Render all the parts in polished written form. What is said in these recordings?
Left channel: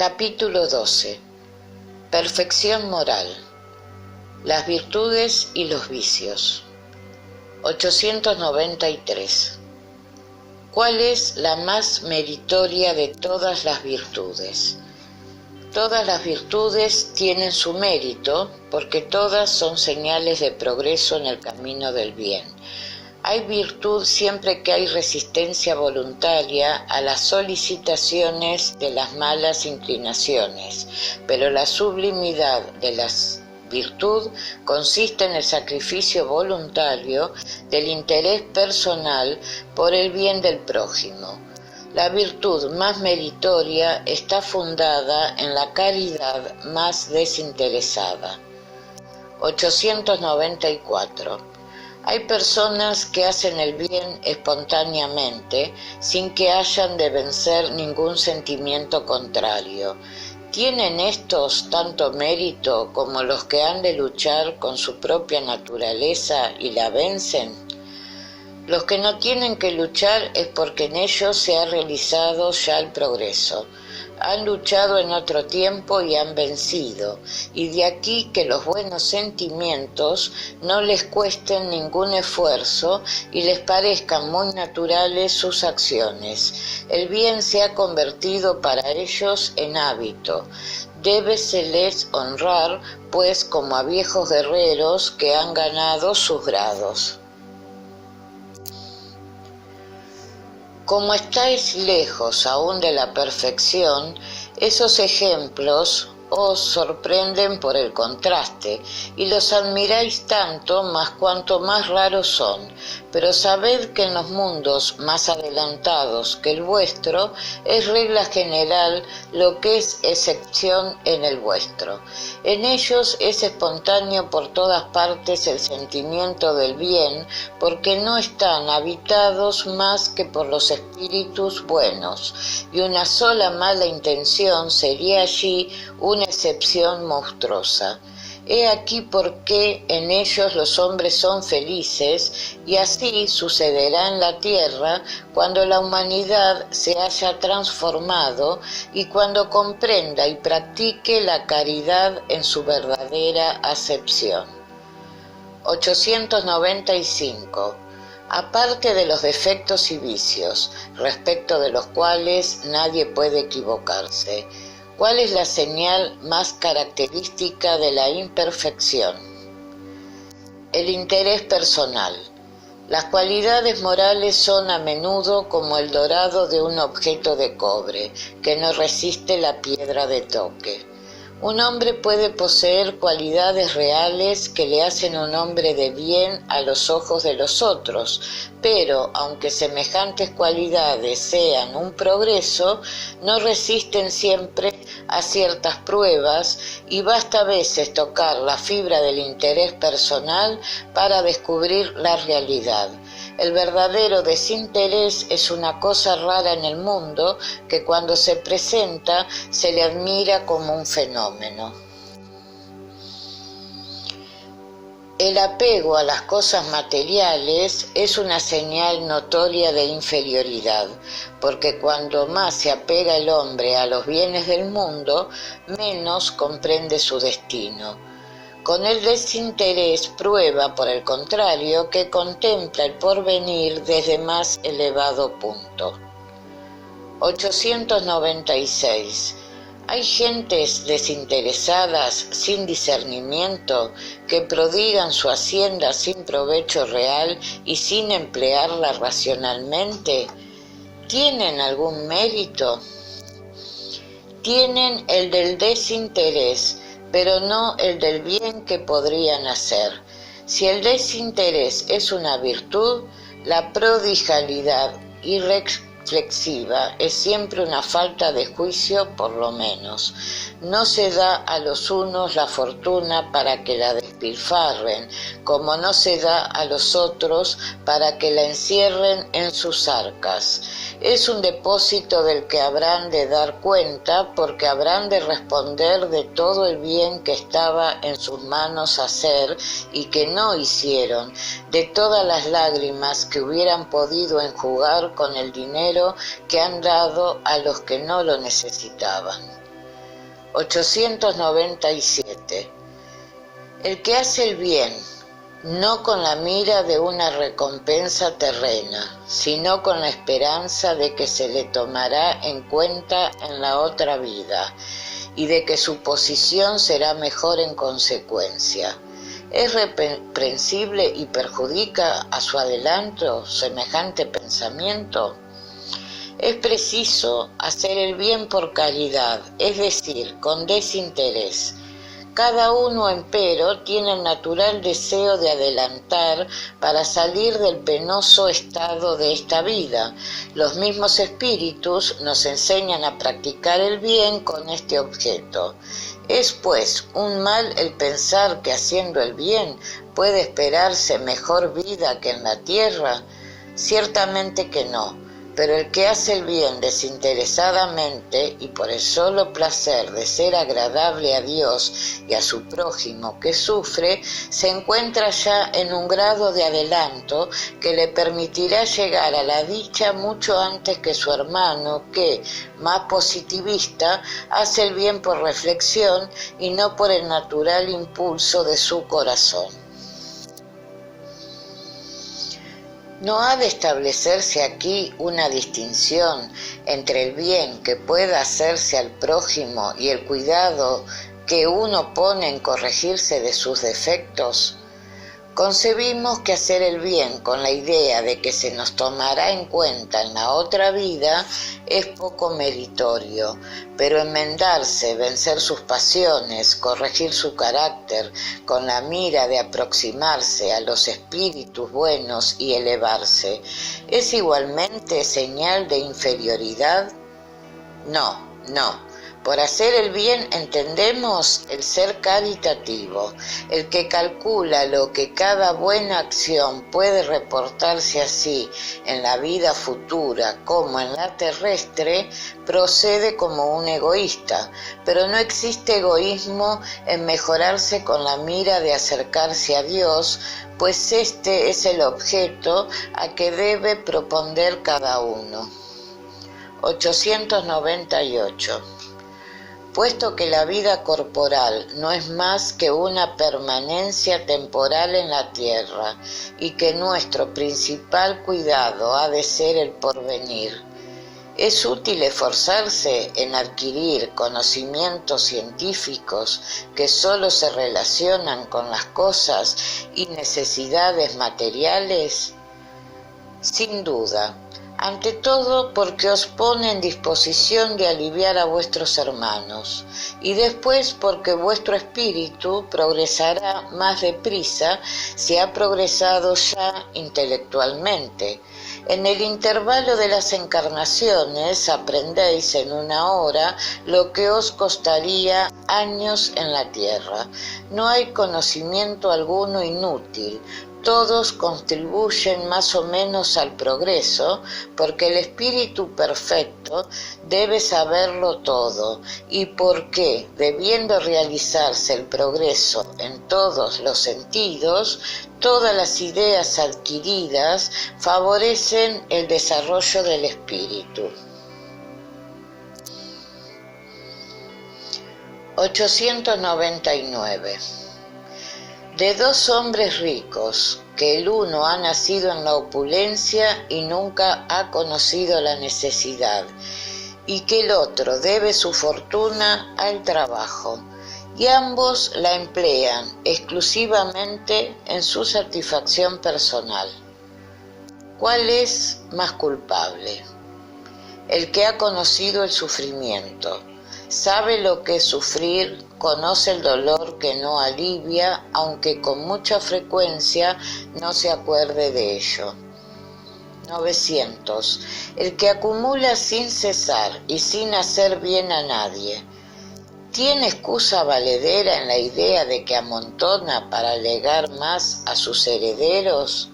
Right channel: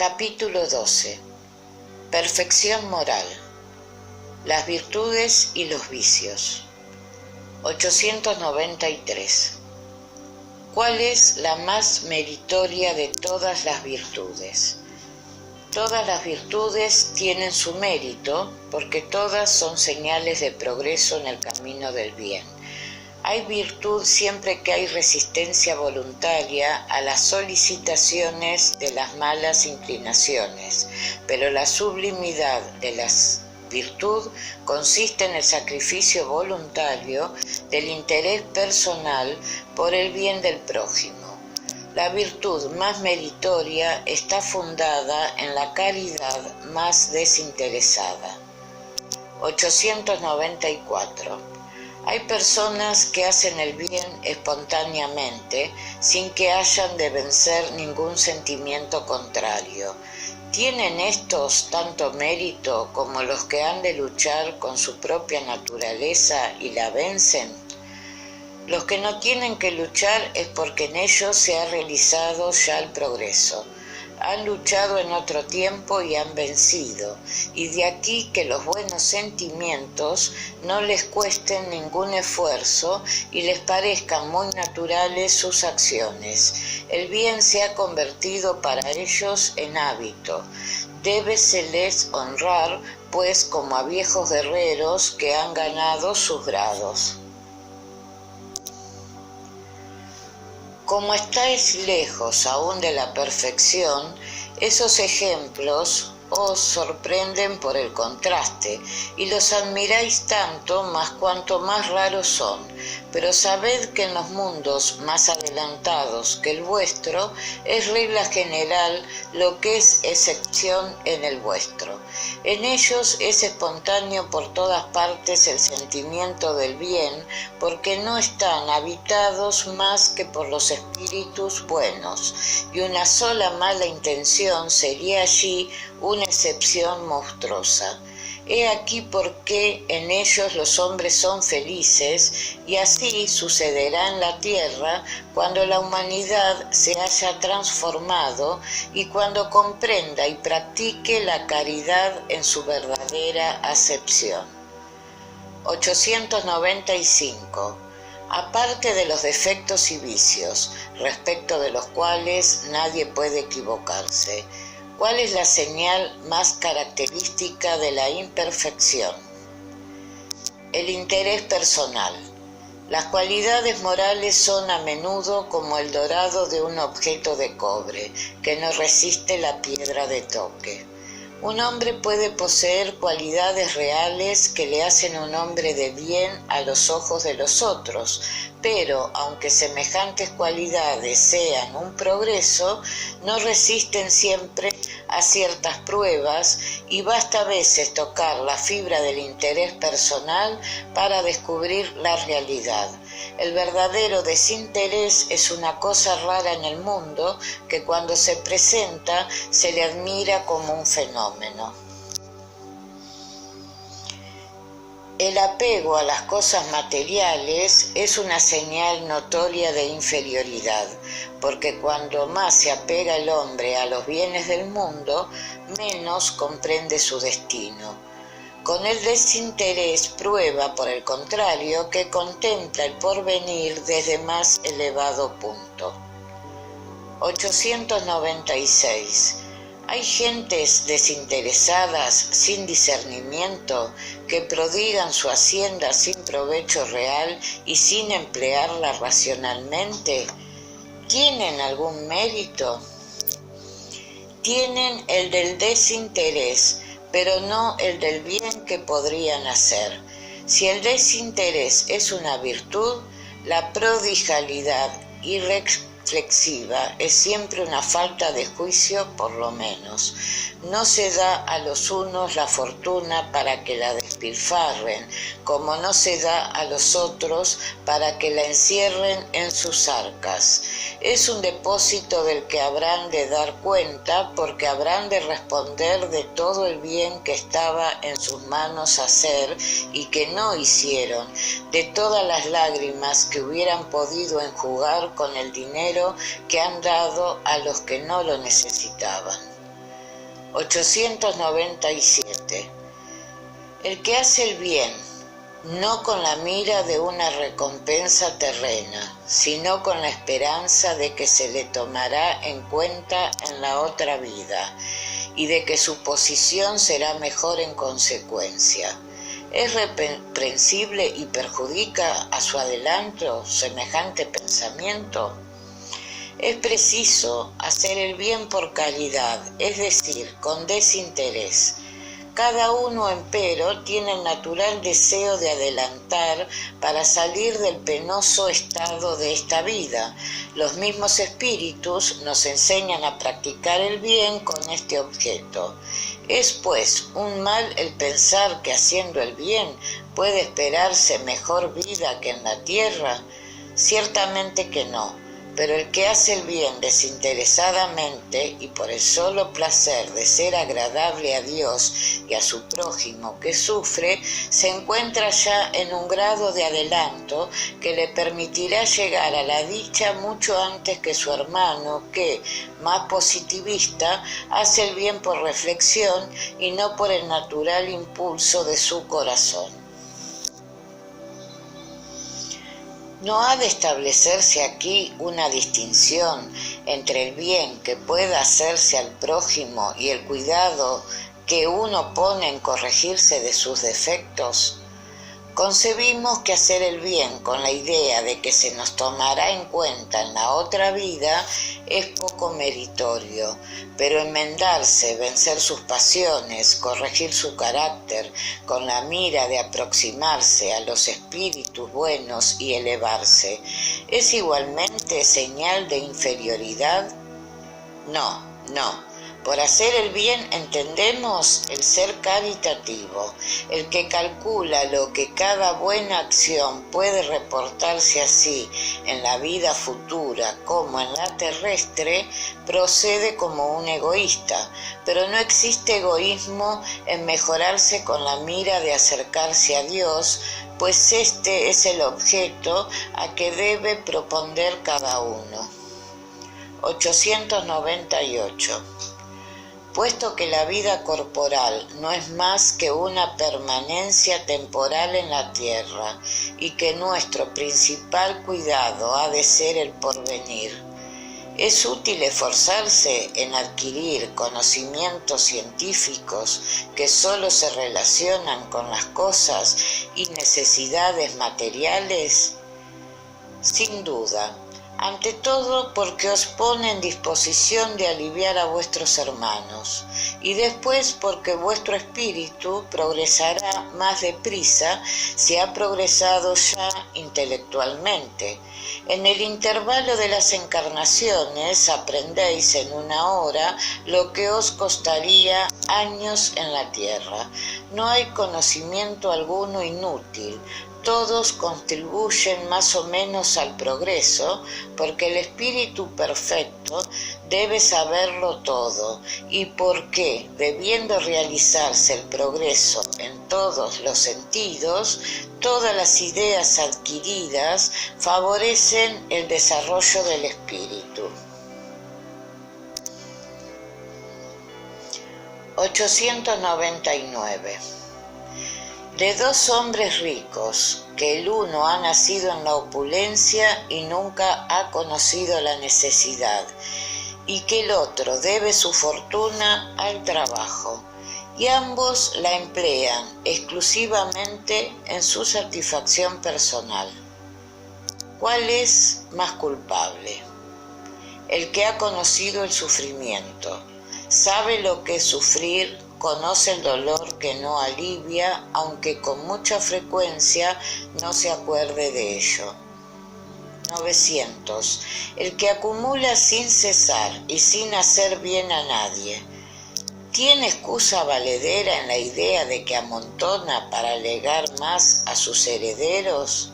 Capítulo 12. Perfección moral. Las virtudes y los vicios. 893. ¿Cuál es la más meritoria de todas las virtudes? Todas las virtudes tienen su mérito porque todas son señales de progreso en el camino del bien. Hay virtud siempre que hay resistencia voluntaria a las solicitaciones de las malas inclinaciones, pero la sublimidad de la virtud consiste en el sacrificio voluntario del interés personal por el bien del prójimo. La virtud más meritoria está fundada en la caridad más desinteresada. 894. Hay personas que hacen el bien espontáneamente, sin que hayan de vencer ningún sentimiento contrario. ¿Tienen estos tanto mérito como los que han de luchar con su propia naturaleza y la vencen? Los que no tienen que luchar es porque en ellos se ha realizado ya el progreso. Han luchado en otro tiempo y han vencido, y de aquí que los buenos sentimientos no les cuesten ningún esfuerzo y les parezcan muy naturales sus acciones. El bien se ha convertido para ellos en hábito. Débeseles honrar, pues, como a viejos guerreros que han ganado sus grados. Como estáis lejos aún de la perfección, esos ejemplos os sorprenden por el contraste, y los admiráis tanto más cuanto más raros son, pero sabed que en los mundos más adelantados que el vuestro es regla general lo que es excepción en el vuestro. En ellos es espontáneo por todas partes el sentimiento del bien, porque no están habitados más que por los espíritus buenos, y una sola mala intención sería allí una excepción monstruosa. He aquí por qué en ellos los hombres son felices, y así sucederá en la tierra cuando la humanidad se haya transformado y cuando comprenda y practique la caridad en su verdadera acepción. 895. Aparte de los defectos y vicios, respecto de los cuales nadie puede equivocarse, ¿cuál es la señal más característica de la imperfección? El interés personal. Las cualidades morales son a menudo como el dorado de un objeto de cobre, que no resiste la piedra de toque. Un hombre puede poseer cualidades reales que le hacen un hombre de bien a los ojos de los otros, pero aunque semejantes cualidades sean un progreso, no resisten siempre a ciertas pruebas y basta a veces tocar la fibra del interés personal para descubrir la realidad. El verdadero desinterés es una cosa rara en el mundo que cuando se presenta se le admira como un fenómeno. El apego a las cosas materiales es una señal notoria de inferioridad, porque cuando más se apega el hombre a los bienes del mundo, menos comprende su destino. Con el desinterés prueba, por el contrario, que contempla el porvenir desde más elevado punto. 896. Hay gentes desinteresadas, sin discernimiento, que prodigan su hacienda sin provecho real y sin emplearla racionalmente. ¿Tienen algún mérito? Tienen el del desinterés, pero no el del bien que podrían hacer. Si el desinterés es una virtud, la prodigalidad irreflexiva es siempre una falta de juicio por lo menos. No se da a los unos la fortuna para que la despilfarren, como no se da a los otros para que la encierren en sus arcas. Es un depósito del que habrán de dar cuenta, porque habrán de responder de todo el bien que estaba en sus manos hacer y que no hicieron, de todas las lágrimas que hubieran podido enjugar con el dinero que han dado a los que no lo necesitaban. 897. El que hace el bien, no con la mira de una recompensa terrena, sino con la esperanza de que se le tomará en cuenta en la otra vida y de que su posición será mejor en consecuencia. ¿Es reprensible y perjudica a su adelanto semejante pensamiento? Es preciso hacer el bien por caridad, es decir, con desinterés. Cada uno, empero, tiene el natural deseo de adelantar para salir del penoso estado de esta vida. Los mismos espíritus nos enseñan a practicar el bien con este objeto. ¿Es, pues, un mal el pensar que haciendo el bien puede esperarse mejor vida que en la tierra? Ciertamente que no. Pero el que hace el bien desinteresadamente y por el solo placer de ser agradable a Dios y a su prójimo que sufre, se encuentra ya en un grado de adelanto que le permitirá llegar a la dicha mucho antes que su hermano que, más positivista, hace el bien por reflexión y no por el natural impulso de su corazón. ¿No ha de establecerse aquí una distinción entre el bien que pueda hacerse al prójimo y el cuidado que uno pone en corregirse de sus defectos? Concebimos que hacer el bien con la idea de que se nos tomará en cuenta en la otra vida es poco meritorio, pero enmendarse, vencer sus pasiones, corregir su carácter, con la mira de aproximarse a los espíritus buenos y elevarse, ¿es igualmente señal de inferioridad? No, no. Por hacer el bien entendemos el ser caritativo, el que calcula lo que cada buena acción puede reportarse así en la vida futura como en la terrestre, procede como un egoísta, pero no existe egoísmo en mejorarse con la mira de acercarse a Dios, pues este es el objeto a que debe proponder cada uno. 898. Puesto que la vida corporal no es más que una permanencia temporal en la tierra y que nuestro principal cuidado ha de ser el porvenir, es útil esforzarse en adquirir conocimientos científicos que solo se relacionan con las cosas y necesidades materiales. Sin duda. Ante todo porque os pone en disposición de aliviar a vuestros hermanos, y después porque vuestro espíritu progresará más deprisa si ha progresado ya intelectualmente. En el intervalo de las encarnaciones aprendéis en una hora lo que os costaría años en la tierra. No hay conocimiento alguno inútil. Todos contribuyen más o menos al progreso, porque el espíritu perfecto debe saberlo todo, y porque, debiendo realizarse el progreso en todos los sentidos, todas las ideas adquiridas favorecen el desarrollo del espíritu. 899. De dos hombres ricos, que el uno ha nacido en la opulencia y nunca ha conocido la necesidad, y que el otro debe su fortuna al trabajo, y ambos la emplean exclusivamente en su satisfacción personal. ¿Cuál es más culpable? El que ha conocido el sufrimiento, sabe lo que es sufrir, conoce el dolor que no alivia, aunque con mucha frecuencia no se acuerde de ello. 900. El que acumula sin cesar y sin hacer bien a nadie, ¿tiene excusa valedera en la idea de que amontona para legar más a sus herederos?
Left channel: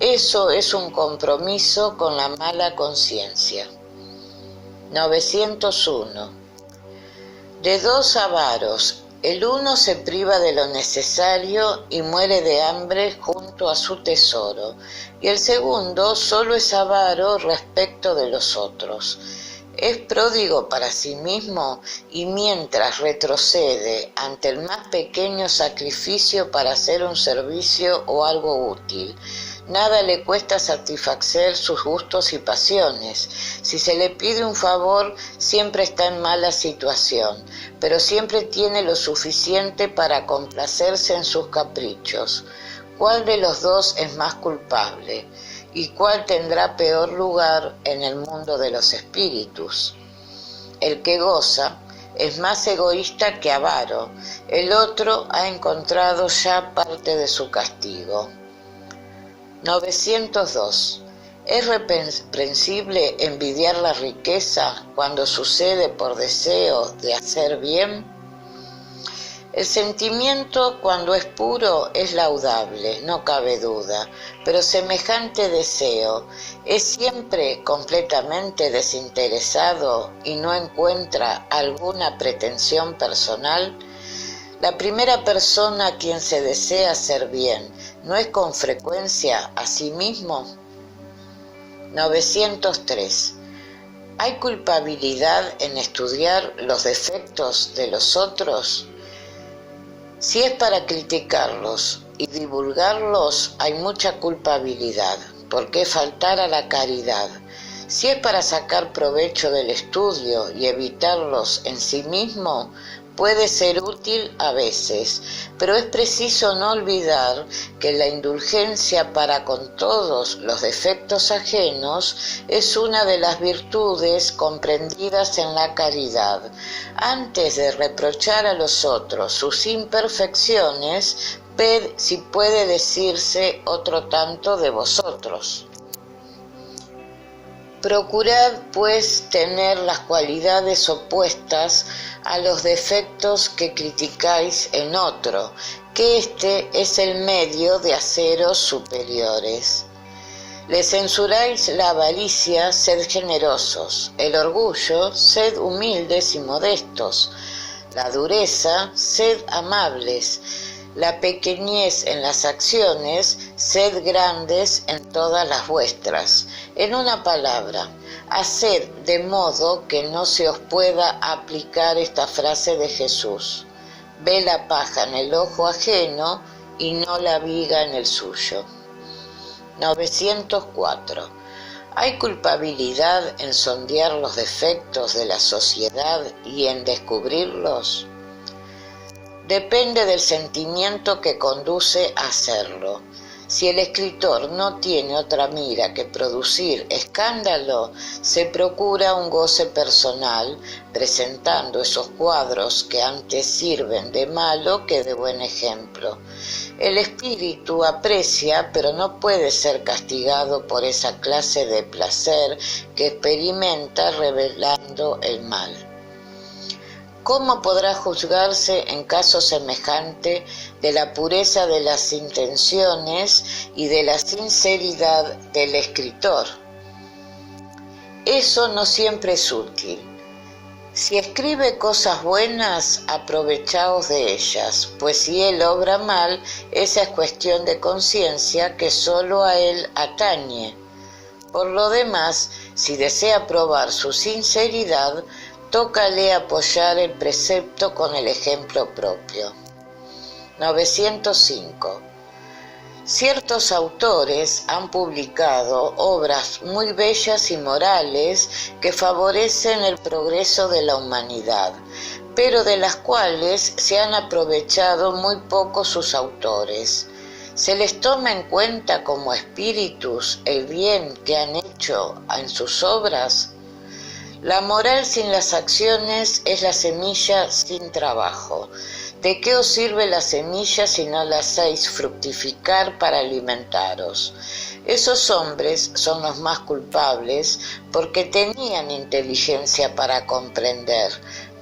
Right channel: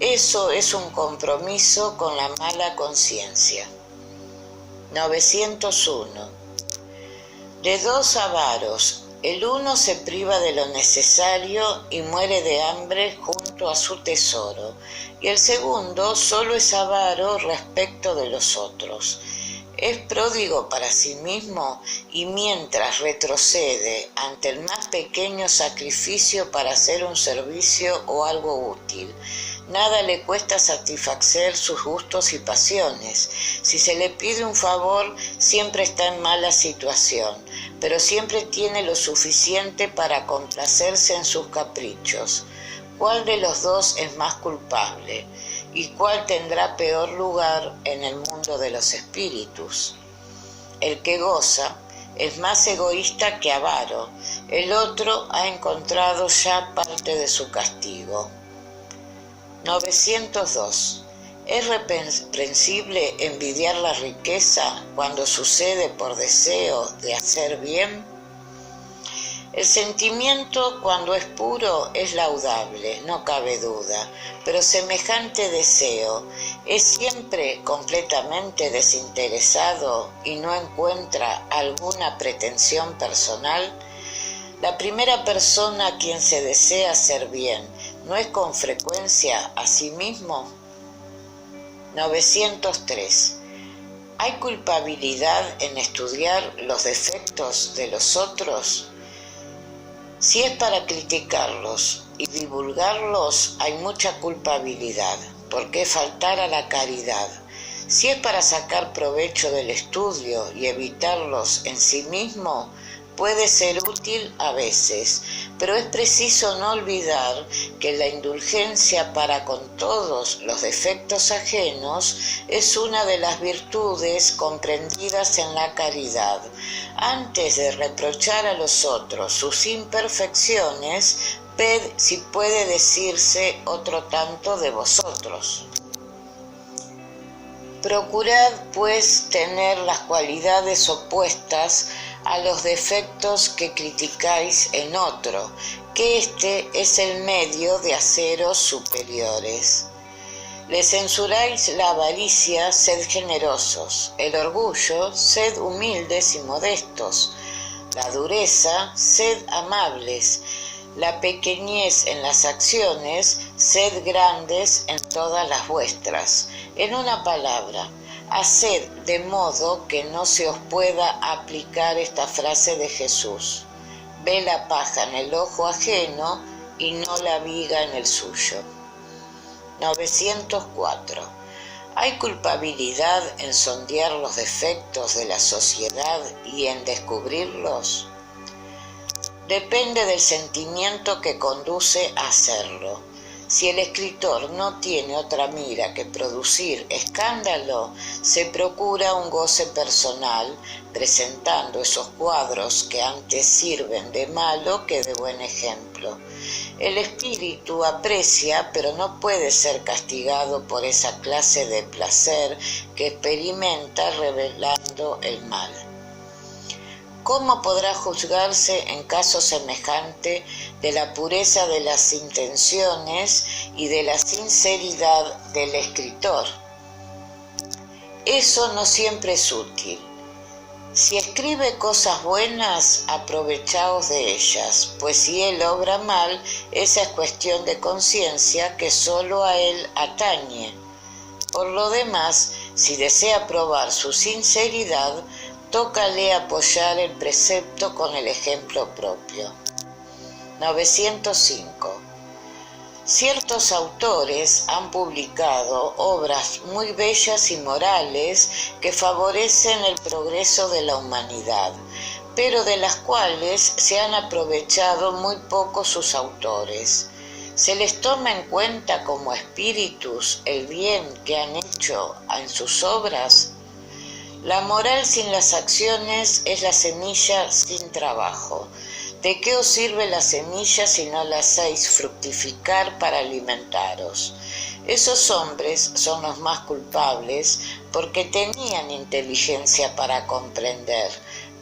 Eso es un compromiso con la mala conciencia. 901. De dos avaros, el uno se priva de lo necesario y muere de hambre junto a su tesoro, y el segundo solo es avaro respecto de los otros. Es pródigo para sí mismo y mientras retrocede ante el más pequeño sacrificio para hacer un servicio o algo útil. Nada le cuesta satisfacer sus gustos y pasiones. Si se le pide un favor, siempre está en mala situación, pero siempre tiene lo suficiente para complacerse en sus caprichos. ¿Cuál de los dos es más culpable? ¿Y cuál tendrá peor lugar en el mundo de los espíritus? El que goza es más egoísta que avaro, el otro ha encontrado ya parte de su castigo. 902. ¿Es reprensible envidiar la riqueza cuando sucede por deseo de hacer bien? El sentimiento, cuando es puro, es laudable, no cabe duda, pero semejante deseo es siempre completamente desinteresado y no encuentra alguna pretensión personal. La primera persona a quien se desea hacer bien, ¿no es con frecuencia a sí mismo? 903. ¿Hay culpabilidad en estudiar los defectos de los otros? Si es para criticarlos y divulgarlos, hay mucha culpabilidad. ¿Por qué faltar a la caridad? Si es para sacar provecho del estudio y evitarlos en sí mismo, puede ser útil a veces, pero es preciso no olvidar que la indulgencia para con todos los defectos ajenos es una de las virtudes comprendidas en la caridad. Antes de reprochar a los otros sus imperfecciones, ved si puede decirse otro tanto de vosotros. Procurad, pues, tener las cualidades opuestas a los defectos que criticáis en otro, que este es el medio de haceros superiores. Le censuráis la avaricia, sed generosos; el orgullo, sed humildes y modestos; la dureza, sed amables; la pequeñez en las acciones, sed grandes en todas las vuestras. En una palabra, haced de modo que no se os pueda aplicar esta frase de Jesús: ve la paja en el ojo ajeno y no la viga en el suyo. 904. ¿Hay culpabilidad en sondear los defectos de la sociedad y en descubrirlos? Depende del sentimiento que conduce a hacerlo. Si el escritor no tiene otra mira que producir escándalo, se procura un goce personal, presentando esos cuadros que antes sirven de malo que de buen ejemplo. El espíritu aprecia, pero no puede ser castigado por esa clase de placer que experimenta revelando el mal. ¿Cómo podrá juzgarse en caso semejante de la pureza de las intenciones y de la sinceridad del escritor? Eso no siempre es útil. Si escribe cosas buenas, aprovechaos de ellas, pues si él obra mal, esa es cuestión de conciencia que solo a él atañe. Por lo demás, si desea probar su sinceridad, tócale apoyar el precepto con el ejemplo propio. 905. Ciertos autores han publicado obras muy bellas y morales que favorecen el progreso de la humanidad, pero de las cuales se han aprovechado muy poco sus autores. ¿Se les toma en cuenta como espíritus el bien que han hecho en sus obras? La moral sin las acciones es la semilla sin trabajo. ¿De qué os sirve la semilla si no la hacéis fructificar para alimentaros? Esos hombres son los más culpables porque tenían inteligencia para comprender.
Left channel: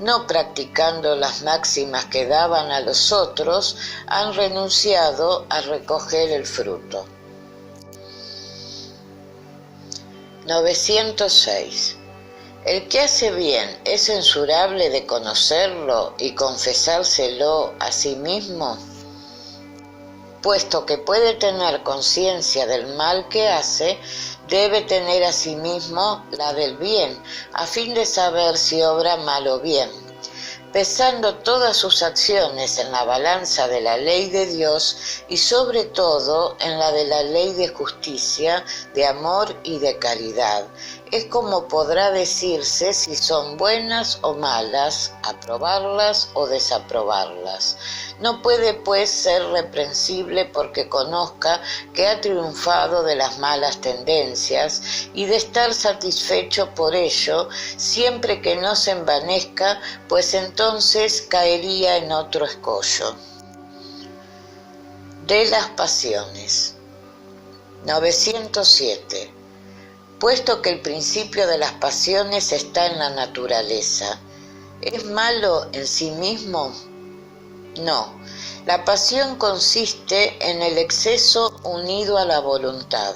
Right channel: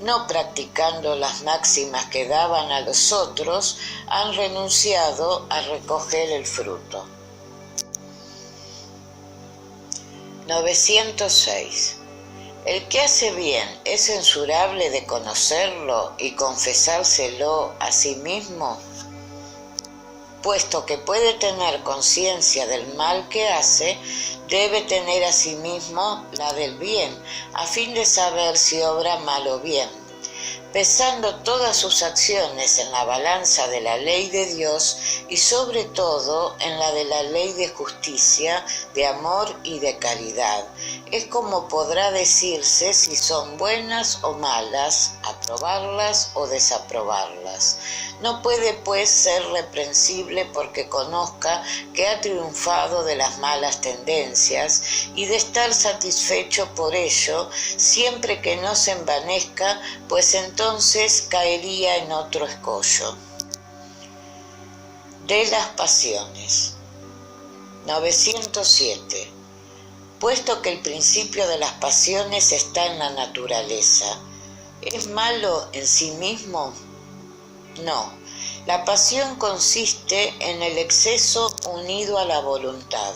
No practicando las máximas que daban a los otros, han renunciado a recoger el fruto. 906. El que hace bien es censurable de conocerlo y confesárselo a sí mismo. puesto que puede tener conciencia del mal que hace, debe tener asimismo la del bien, a fin de saber si obra mal o bien. Pesando todas sus acciones en la balanza de la ley de Dios y sobre todo en la de la ley de justicia, de amor y de caridad, es como podrá decirse si son buenas o malas, aprobarlas o desaprobarlas. No puede pues ser reprensible porque conozca que ha triunfado de las malas tendencias y de estar satisfecho por ello, siempre que no se envanezca, pues entonces caería en otro escollo. De las pasiones. 907. Puesto que el principio de las pasiones está en la naturaleza, ¿es malo en sí mismo? No. La pasión consiste en el exceso unido a la voluntad,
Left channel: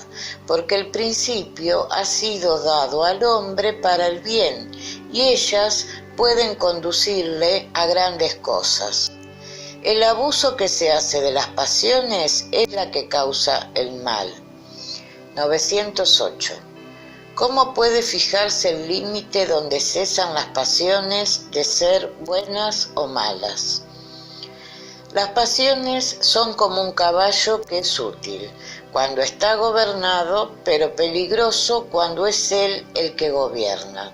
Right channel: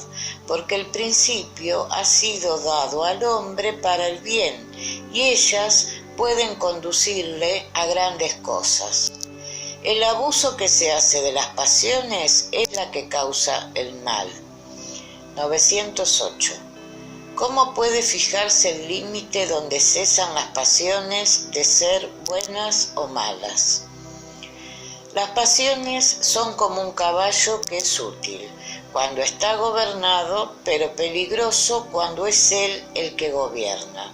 porque el principio ha sido dado al hombre para el bien, y ellas pueden conducirle a grandes cosas. El abuso que se hace de las pasiones es la que causa el mal. 908. ¿Cómo puede fijarse el límite donde cesan las pasiones de ser buenas o malas? Las pasiones son como un caballo que es útil cuando está gobernado, pero peligroso cuando es él el que gobierna.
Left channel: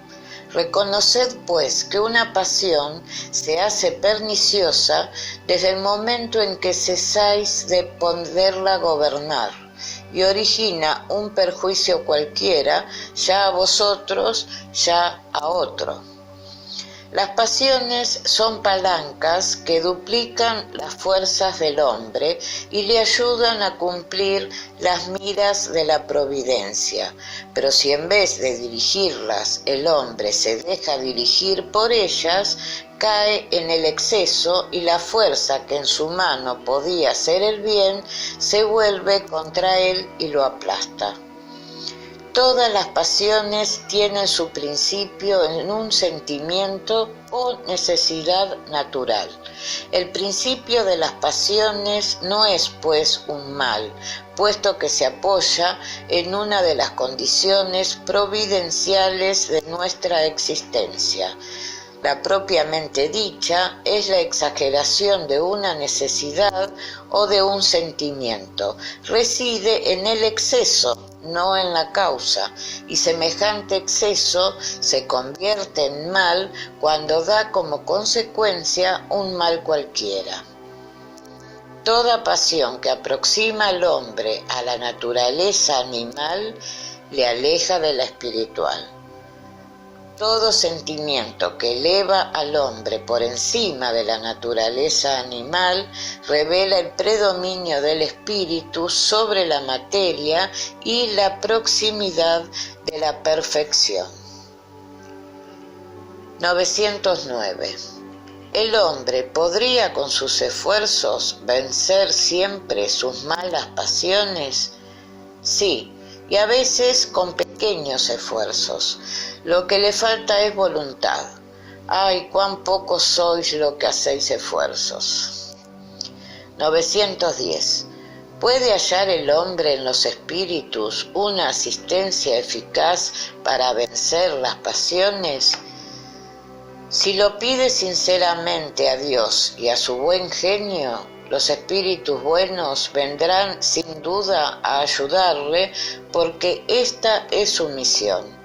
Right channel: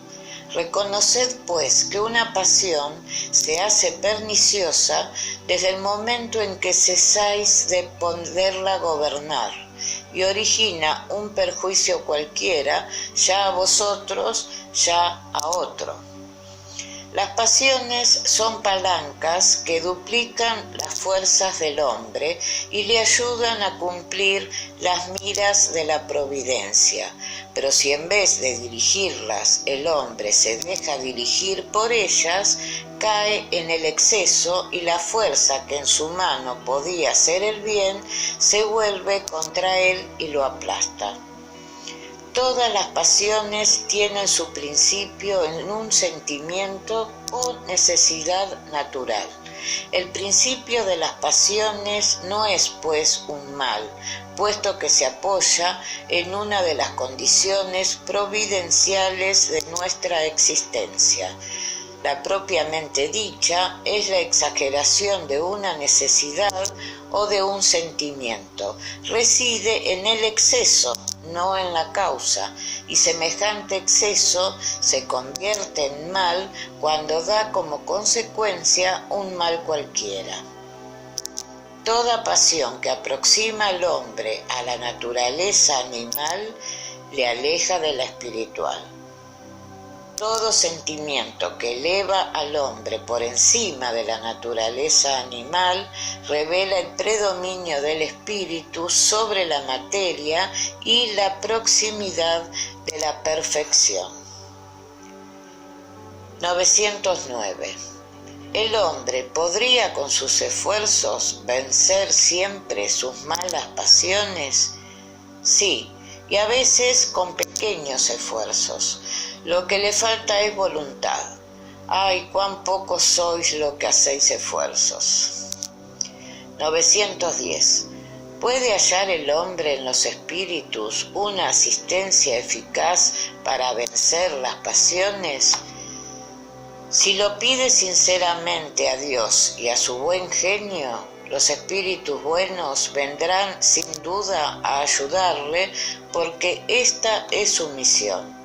Reconoced, pues, que una pasión se hace perniciosa desde el momento en que cesáis de poderla gobernar, y origina un perjuicio cualquiera, ya a vosotros, ya a otro. Las pasiones son palancas que duplican las fuerzas del hombre y le ayudan a cumplir las miras de la providencia. Pero si en vez de dirigirlas el hombre se deja dirigir por ellas, cae en el exceso y la fuerza que en su mano podía hacer el bien se vuelve contra él y lo aplasta. Todas las pasiones tienen su principio en un sentimiento o necesidad natural. El principio de las pasiones no es, pues, un mal, puesto que se apoya en una de las condiciones providenciales de nuestra existencia. La propiamente dicha es la exageración de una necesidad o de un sentimiento. Reside en el exceso, no en la causa, y semejante exceso se convierte en mal cuando da como consecuencia un mal cualquiera. Toda pasión que aproxima al hombre a la naturaleza animal le aleja de la espiritual. Todo sentimiento que eleva al hombre por encima de la naturaleza animal revela el predominio del espíritu sobre la materia y la proximidad de la perfección. 909. ¿El hombre podría con sus esfuerzos vencer siempre sus malas pasiones? Sí, y a veces con pequeños esfuerzos. Lo que le falta es voluntad. ¡Ay, cuán pocos sois lo que hacéis esfuerzos! 910. ¿Puede hallar el hombre en los espíritus una asistencia eficaz para vencer las pasiones? Si lo pide sinceramente a Dios y a su buen genio, los espíritus buenos vendrán sin duda a ayudarle, porque esta es su misión.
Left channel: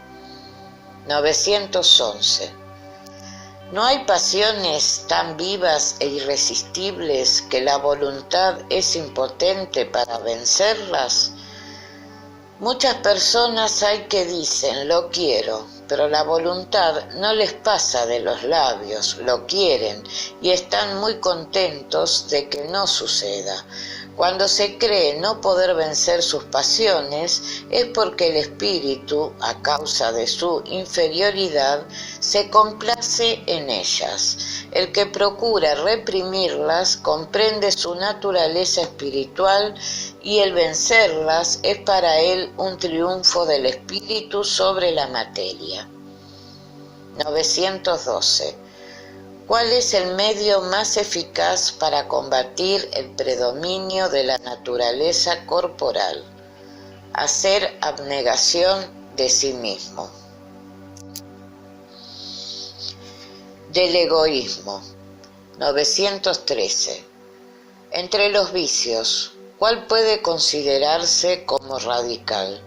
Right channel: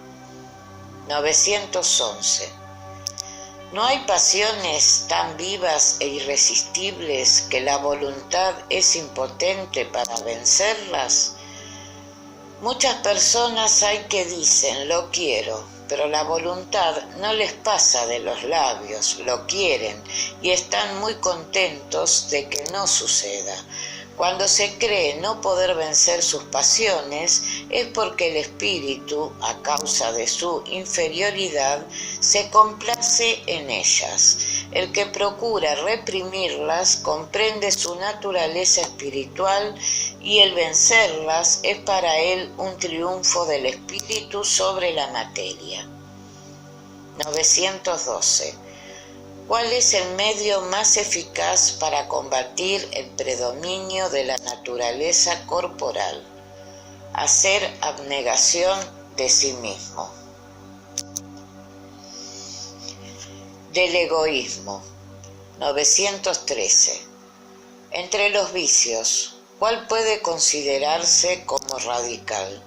911. ¿No hay pasiones tan vivas e irresistibles que la voluntad es impotente para vencerlas? Muchas personas hay que dicen lo quiero, pero la voluntad no les pasa de los labios, lo quieren y están muy contentos de que no suceda. Cuando se cree no poder vencer sus pasiones es porque el espíritu, a causa de su inferioridad, se complace en ellas. El que procura reprimirlas comprende su naturaleza espiritual y el vencerlas es para él un triunfo del espíritu sobre la materia. 912. ¿Cuál es el medio más eficaz para combatir el predominio de la naturaleza corporal? Hacer abnegación de sí mismo. Del egoísmo. 913. Entre los vicios, ¿cuál puede considerarse como radical?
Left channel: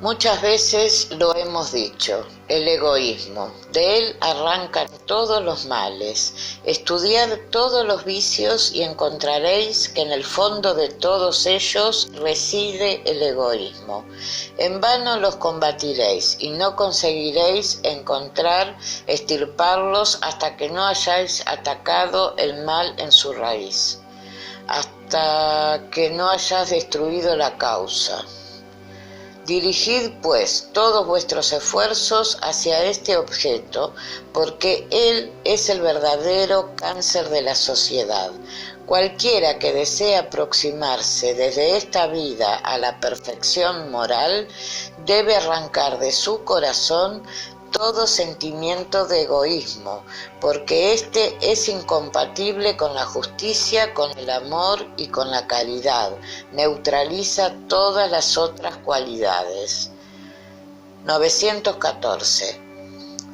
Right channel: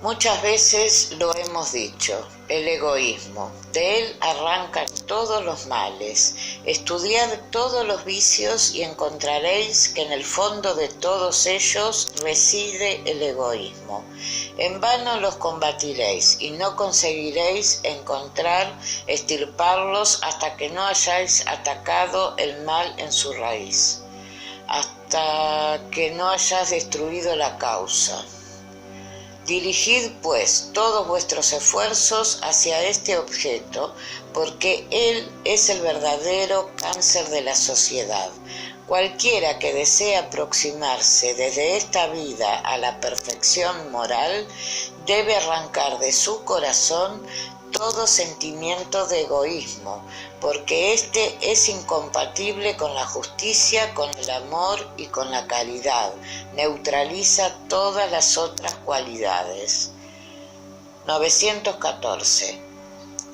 Muchas veces lo hemos dicho, el egoísmo. De él arrancan todos los males. Estudiad todos los vicios y encontraréis que en el fondo de todos ellos reside el egoísmo. En vano los combatiréis y no conseguiréis extirparlos hasta que no hayáis atacado el mal en su raíz, hasta que no hayáis destruido la causa. Dirigid, pues, todos vuestros esfuerzos hacia este objeto, porque él es el verdadero cáncer de la sociedad. Cualquiera que desee aproximarse desde esta vida a la perfección moral, debe arrancar de su corazón todo sentimiento de egoísmo, porque éste es incompatible con la justicia, con el amor y con la caridad. Neutraliza todas las otras cualidades. 914.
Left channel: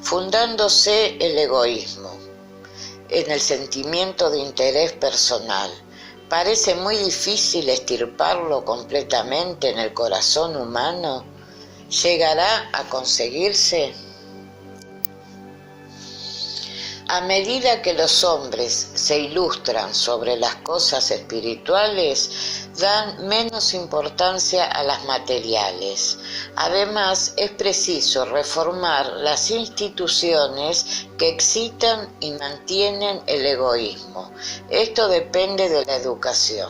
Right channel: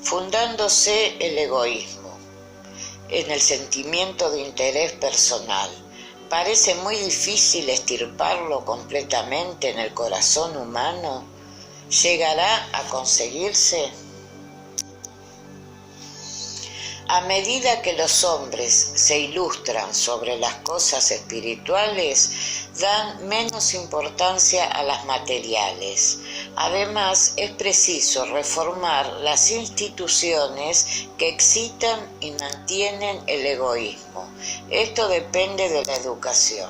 Fundándose el egoísmo en el sentimiento de interés personal, parece muy difícil extirparlo completamente en el corazón humano. ¿Llegará a conseguirse? A medida que los hombres se ilustran sobre las cosas espirituales, dan menos importancia a las materiales. Además, es preciso reformar las instituciones que excitan y mantienen el egoísmo. Esto depende de la educación.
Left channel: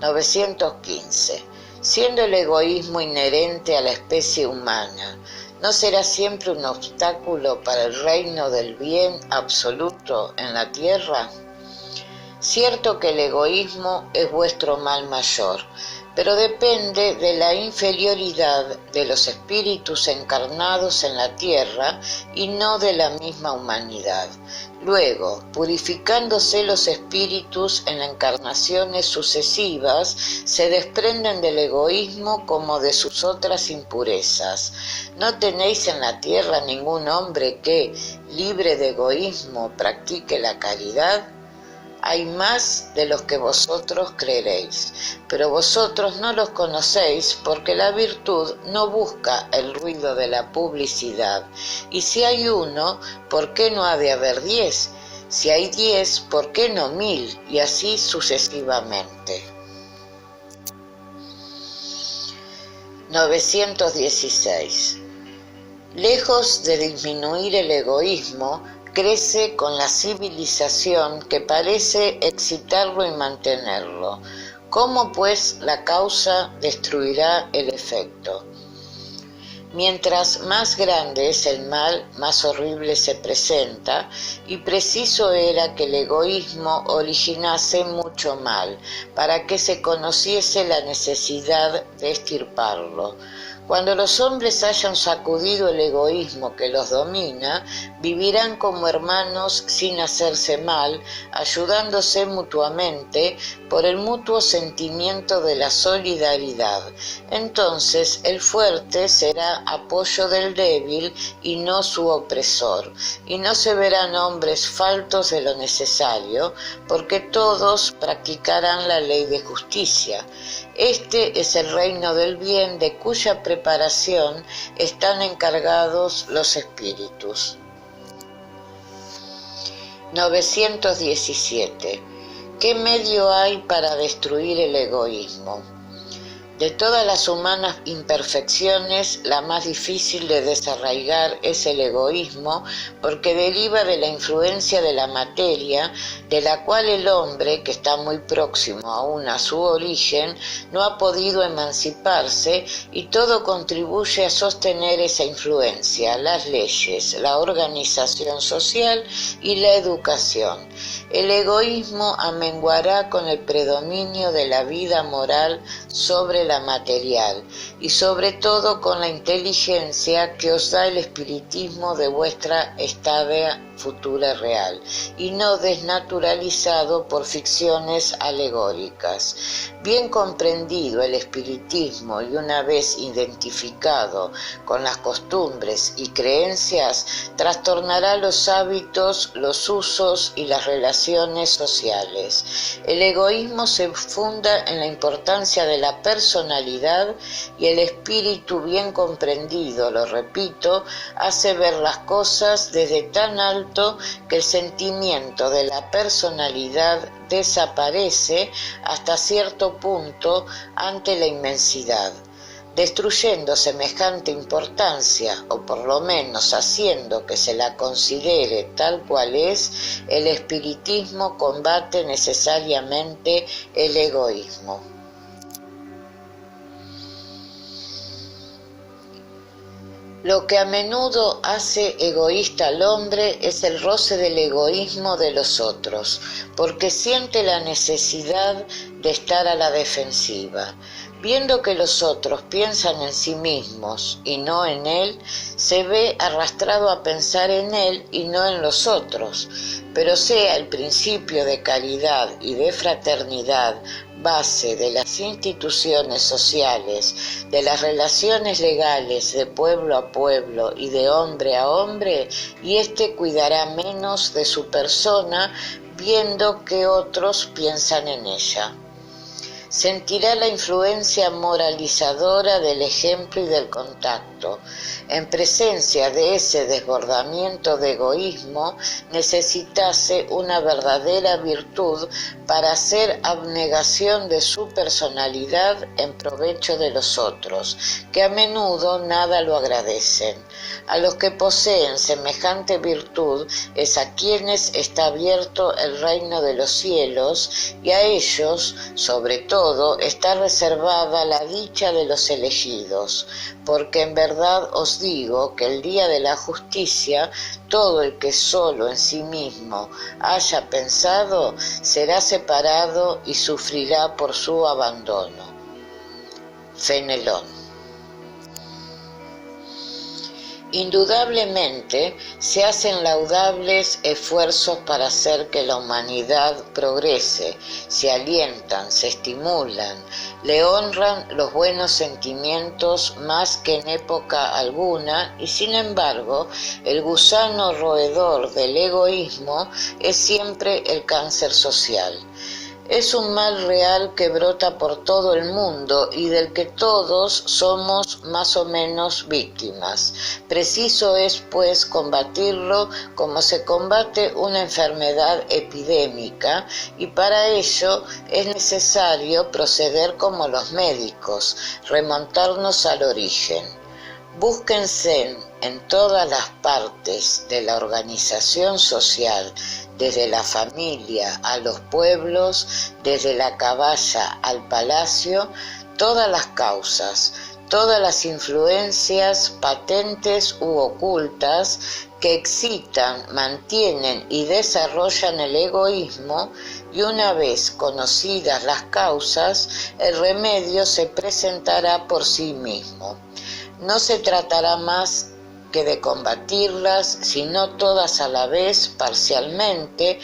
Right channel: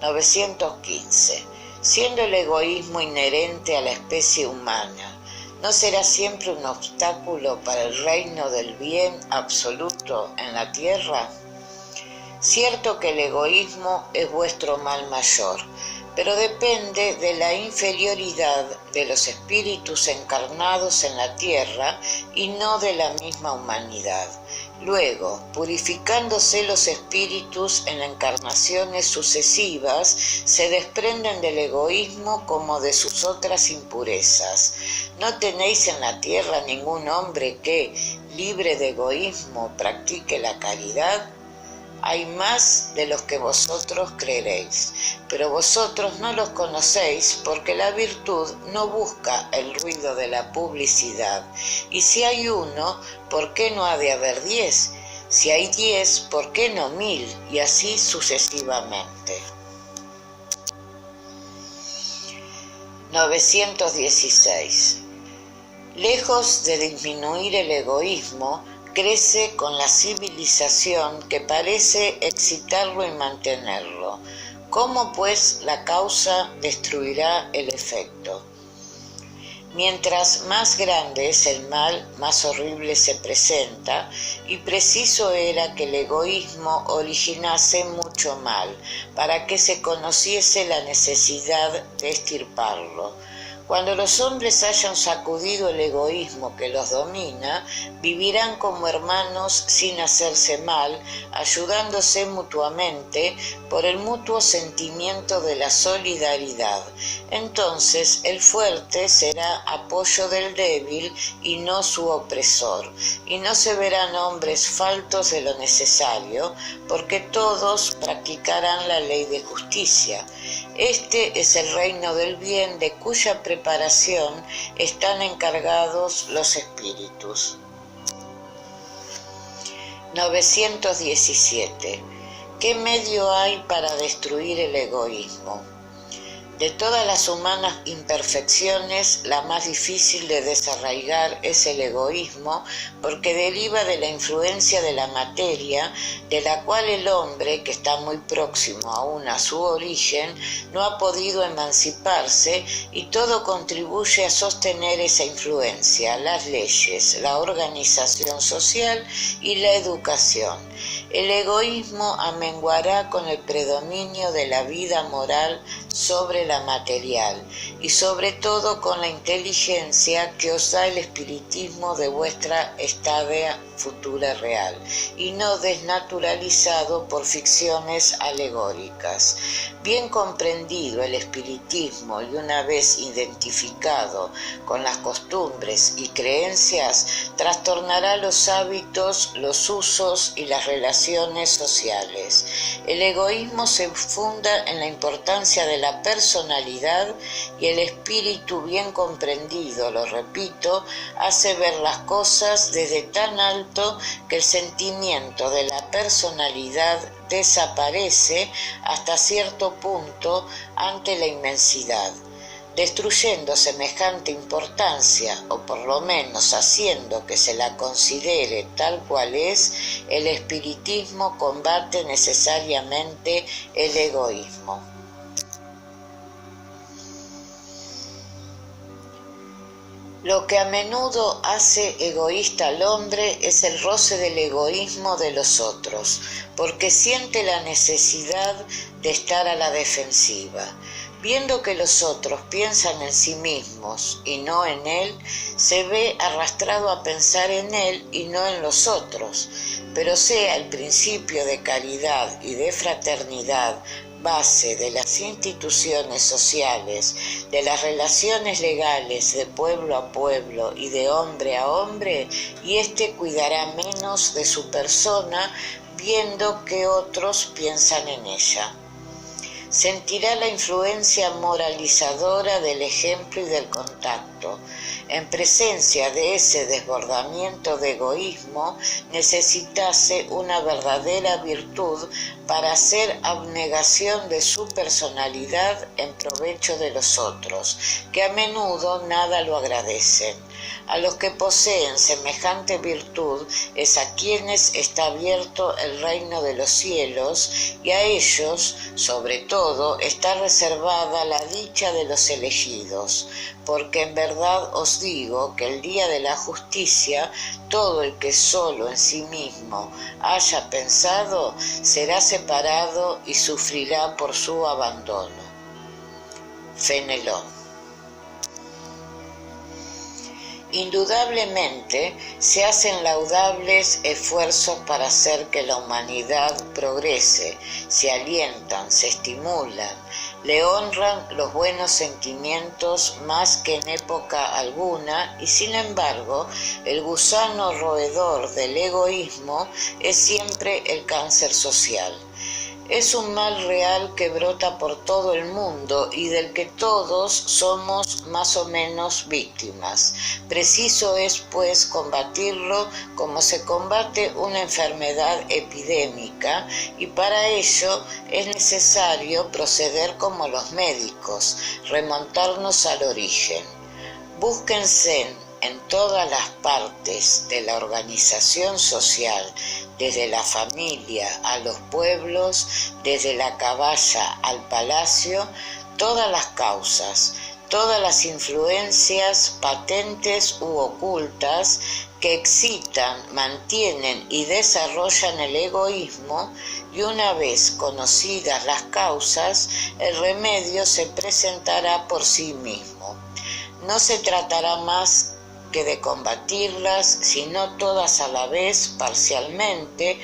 915. Siendo el egoísmo inherente a la especie humana, ¿no será siempre un obstáculo para el reino del bien absoluto en la tierra? Cierto que el egoísmo es vuestro mal mayor, pero depende de la inferioridad de los espíritus encarnados en la tierra y no de la misma humanidad. Luego, purificándose los espíritus en encarnaciones sucesivas, se desprenden del egoísmo como de sus otras impurezas. ¿No tenéis en la tierra ningún hombre que, libre de egoísmo, practique la caridad? Hay más de los que vosotros creeréis, pero vosotros no los conocéis porque la virtud no busca el ruido de la publicidad. Y si hay uno, ¿por qué no ha de haber 10? Si hay 10, ¿por qué no 1000? Y así sucesivamente. 916. Lejos de disminuir el egoísmo, crece con la civilización que parece excitarlo y mantenerlo. ¿Cómo, pues, la causa destruirá el efecto? Mientras más grande es el mal, más horrible se presenta, y preciso era que el egoísmo originase mucho mal, para que se conociese la necesidad de extirparlo. Cuando los hombres hayan sacudido el egoísmo que los domina, vivirán como hermanos sin hacerse mal, ayudándose mutuamente por el mutuo sentimiento de la solidaridad. Entonces el fuerte será apoyo del débil y no su opresor, y no se verán hombres faltos de lo necesario, porque todos practicarán la ley de justicia. Este es el reino del bien de cuya preparación están encargados los espíritus. 917. ¿Qué medio hay para destruir el egoísmo? De todas las humanas imperfecciones, la más difícil de desarraigar es el egoísmo, porque deriva de la influencia de la materia, de la cual el hombre, que está muy próximo aún a su origen, no ha podido emanciparse, y todo contribuye a sostener esa influencia: las leyes, la organización social y la educación. El egoísmo amenguará con el predominio de la vida moral sobre la material y sobre todo con la inteligencia que os da el espiritismo de vuestra estada futura real y no desnaturalizado por ficciones alegóricas. Bien comprendido el espiritismo y una vez identificado con las costumbres y creencias, trastornará los hábitos, los usos y las relaciones sociales. El egoísmo se funda en la importancia de la personalidad y el espíritu bien comprendido, lo repito, hace ver las cosas desde tan alto que el sentimiento de la personalidad desaparece hasta cierto punto ante la inmensidad. Destruyendo semejante importancia, o por lo menos haciendo que se la considere tal cual es, el espiritismo combate necesariamente el egoísmo. Lo que a menudo hace egoísta al hombre es el roce del egoísmo de los otros, porque siente la necesidad de estar a la defensiva. Viendo que los otros piensan en sí mismos y no en él, se ve arrastrado a pensar en él y no en los otros. Pero sea el principio de caridad y de fraternidad base de las instituciones sociales, de las relaciones legales de pueblo a pueblo y de hombre a hombre, y éste cuidará menos de su persona viendo que otros piensan en ella. Sentirá la influencia moralizadora del ejemplo y del contacto. En presencia de ese desbordamiento de egoísmo, necesitase una verdadera virtud para hacer abnegación de su personalidad en provecho de los otros, que a menudo nada lo agradecen. A los que poseen semejante virtud es a quienes está abierto el reino de los cielos, y a ellos, sobre todo, está reservada la dicha de los elegidos, porque en verdad os digo que el día de la justicia todo el que solo en sí mismo haya pensado será separado y sufrirá por su abandono. Fenelón. Indudablemente se hacen laudables esfuerzos para hacer que la humanidad progrese, se alientan, se estimulan, le honran los buenos sentimientos más que en época alguna, y sin embargo el gusano roedor del egoísmo es siempre el cáncer social. Es un mal real que brota por todo el mundo y del que todos somos más o menos víctimas. Preciso es, pues, combatirlo como se combate una enfermedad epidémica, y para ello es necesario proceder como los médicos, remontarnos al origen. Búsquense en todas las partes de la organización social, desde la familia a los pueblos, desde la caballa al palacio, todas las causas, todas las influencias patentes u ocultas que excitan, mantienen y desarrollan el egoísmo, y una vez conocidas las causas, el remedio se presentará por sí mismo. No se tratará más que de combatirlas, sino todas a la vez, parcialmente,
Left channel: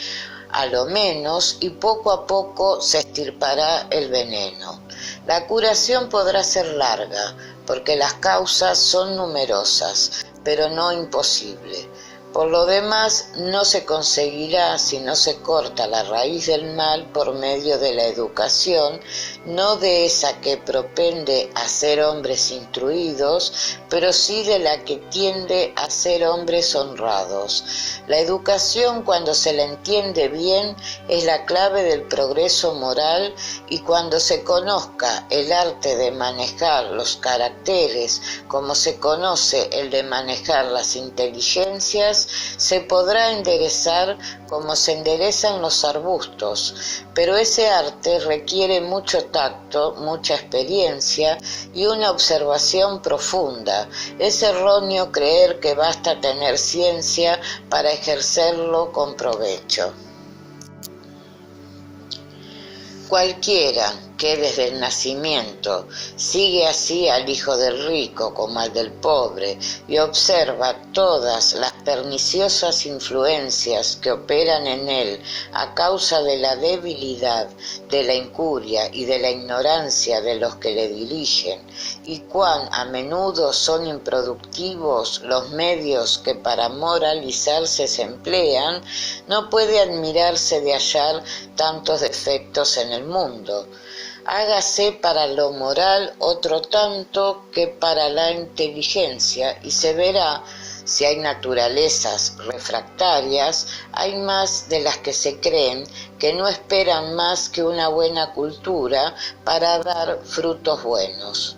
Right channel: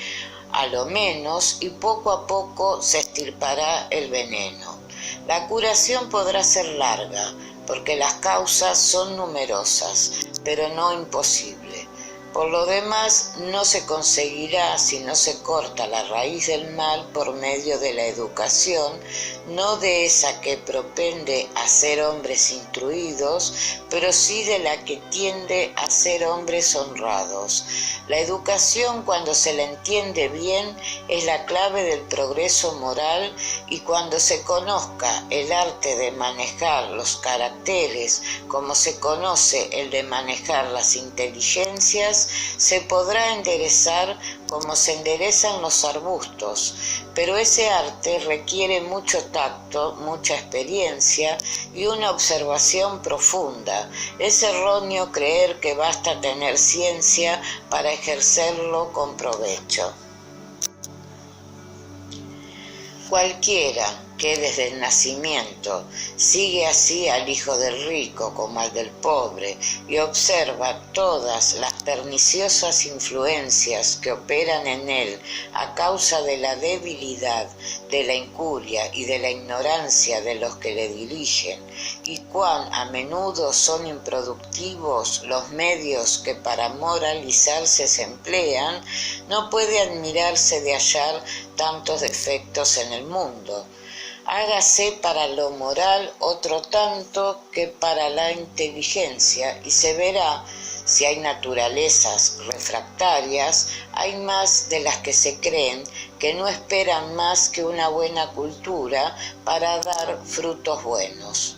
a lo menos, y poco a poco se extirpará el veneno. La curación podrá ser larga, porque las causas son numerosas, pero no imposible. Por lo demás, no se conseguirá si no se corta la raíz del mal por medio de la educación, no de esa que propende a ser hombres instruidos, pero sí de la que tiende a ser hombres honrados. La educación, cuando se la entiende bien, es la clave del progreso moral, y cuando se conozca el arte de manejar los caracteres como se conoce el de manejar las inteligencias, se podrá enderezar como se enderezan los arbustos, pero ese arte requiere mucho tacto, mucha experiencia y una observación profunda. Es erróneo creer que basta tener ciencia para ejercerlo con provecho. Cualquiera que desde el nacimiento sigue así al hijo del rico como al del pobre y observa todas las perniciosas influencias que operan en él a causa de la debilidad, de la incuria y de la ignorancia de los que le dirigen, y cuán a menudo son improductivos los medios que para moralizarse se emplean, no puede admirarse de hallar tantos defectos en el mundo. Hágase para lo moral otro tanto que para la inteligencia y se verá si hay naturalezas refractarias, hay más de las que se creen que no esperan más que una buena cultura para dar frutos buenos.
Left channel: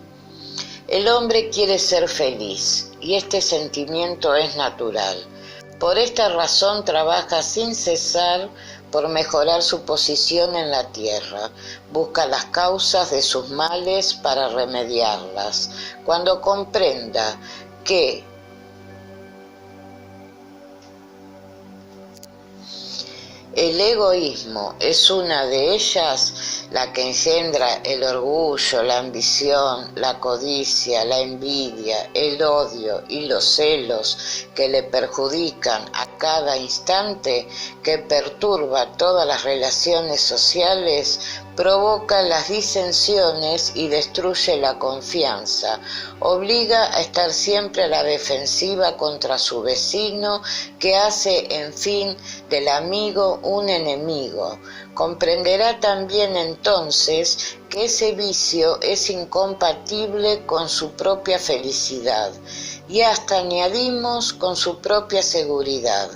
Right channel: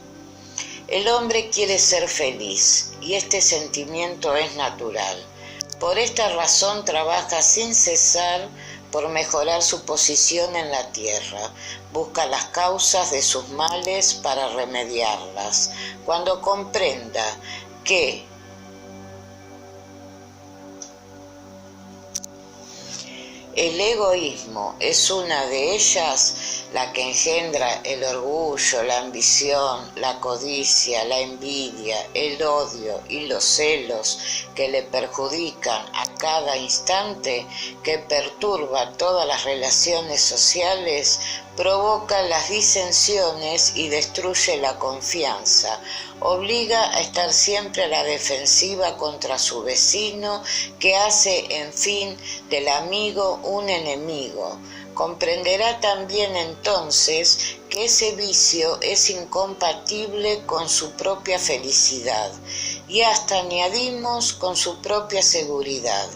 El hombre quiere ser feliz y este sentimiento es natural. Por esta razón trabaja sin cesar por mejorar su posición en la tierra, busca las causas de sus males para remediarlas. Cuando comprenda que el egoísmo es una de ellas, la que engendra el orgullo, la ambición, la codicia, la envidia, el odio y los celos que le perjudican a cada instante, que perturba todas las relaciones sociales, provoca las disensiones y destruye la confianza, obliga a estar siempre a la defensiva contra su vecino, que hace, en fin, del amigo un enemigo. Comprenderá también entonces que ese vicio es incompatible con su propia felicidad y hasta añadimos con su propia seguridad.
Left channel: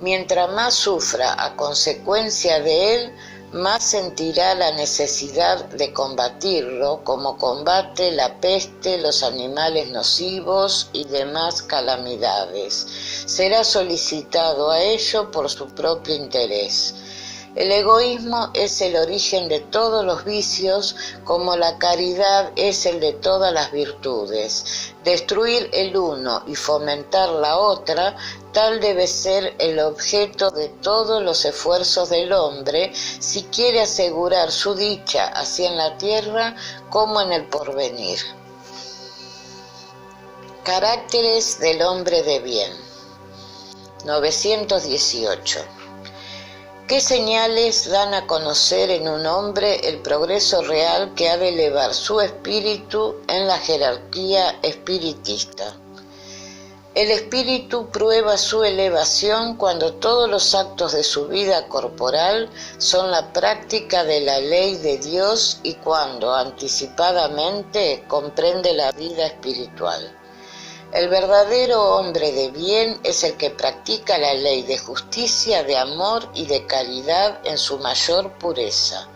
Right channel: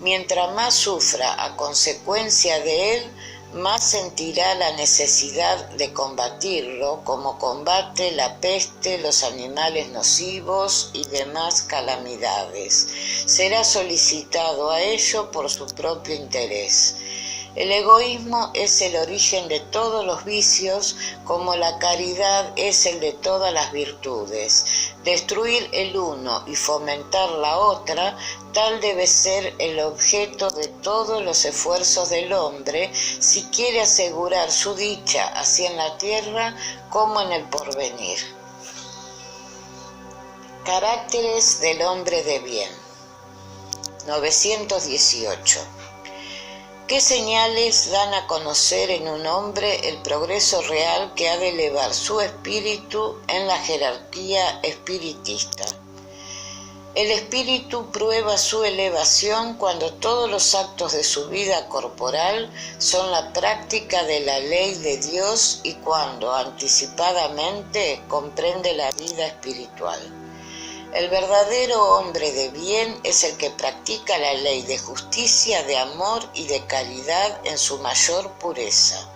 Mientras más sufra a consecuencia de él, más sentirá la necesidad de combatirlo, como combate la peste, los animales nocivos y demás calamidades. Será solicitado a ello por su propio interés. El egoísmo es el origen de todos los vicios, como la caridad es el de todas las virtudes. Destruir el uno y fomentar la otra, tal debe ser el objeto de todos los esfuerzos del hombre si quiere asegurar su dicha así en la tierra como en el porvenir. Caracteres del hombre de bien. 918. ¿Qué señales dan a conocer en un hombre el progreso real que ha de elevar su espíritu en la jerarquía espiritista? El espíritu prueba su elevación cuando todos los actos de su vida corporal son la práctica de la ley de Dios y cuando anticipadamente comprende la vida espiritual. El verdadero hombre de bien es el que practica la ley de justicia, de amor y de caridad en su mayor pureza.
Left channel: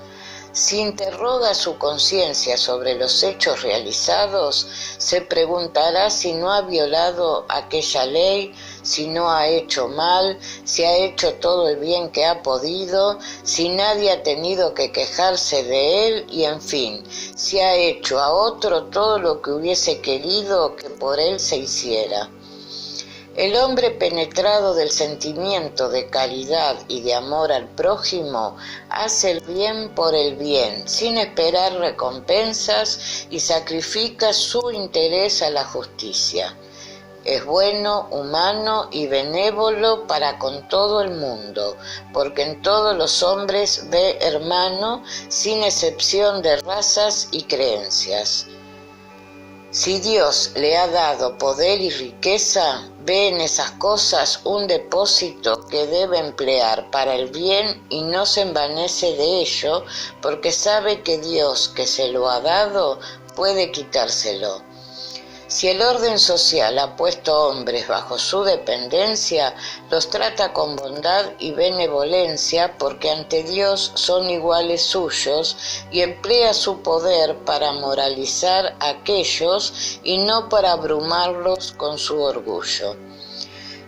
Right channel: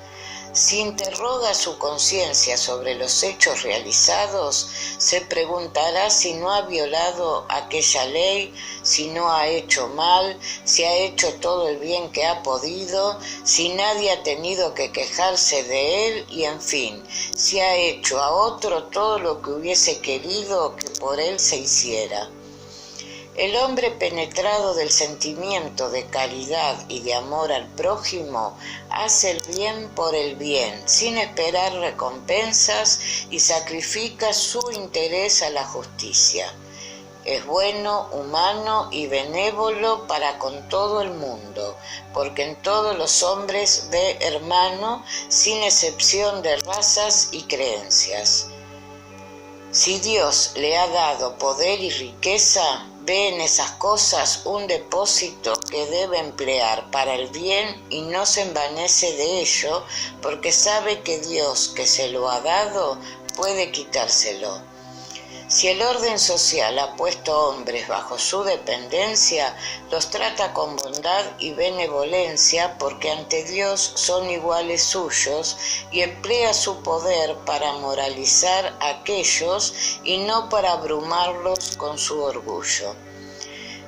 Si interroga su conciencia sobre los hechos realizados, se preguntará si no ha violado aquella ley, si no ha hecho mal, si ha hecho todo el bien que ha podido, si nadie ha tenido que quejarse de él y, en fin, si ha hecho a otro todo lo que hubiese querido que por él se hiciera. El hombre penetrado del sentimiento de caridad y de amor al prójimo hace el bien por el bien, sin esperar recompensas y sacrifica su interés a la justicia. Es bueno, humano y benévolo para con todo el mundo, porque en todos los hombres ve hermano, sin excepción de razas y creencias. Si Dios le ha dado poder y riqueza, ve en esas cosas un depósito que debe emplear para el bien y no se envanece de ello, porque sabe que Dios que se lo ha dado puede quitárselo. Si el orden social ha puesto hombres bajo su dependencia, los trata con bondad y benevolencia porque ante Dios son iguales suyos y emplea su poder para moralizar a aquellos y no para abrumarlos con su orgullo.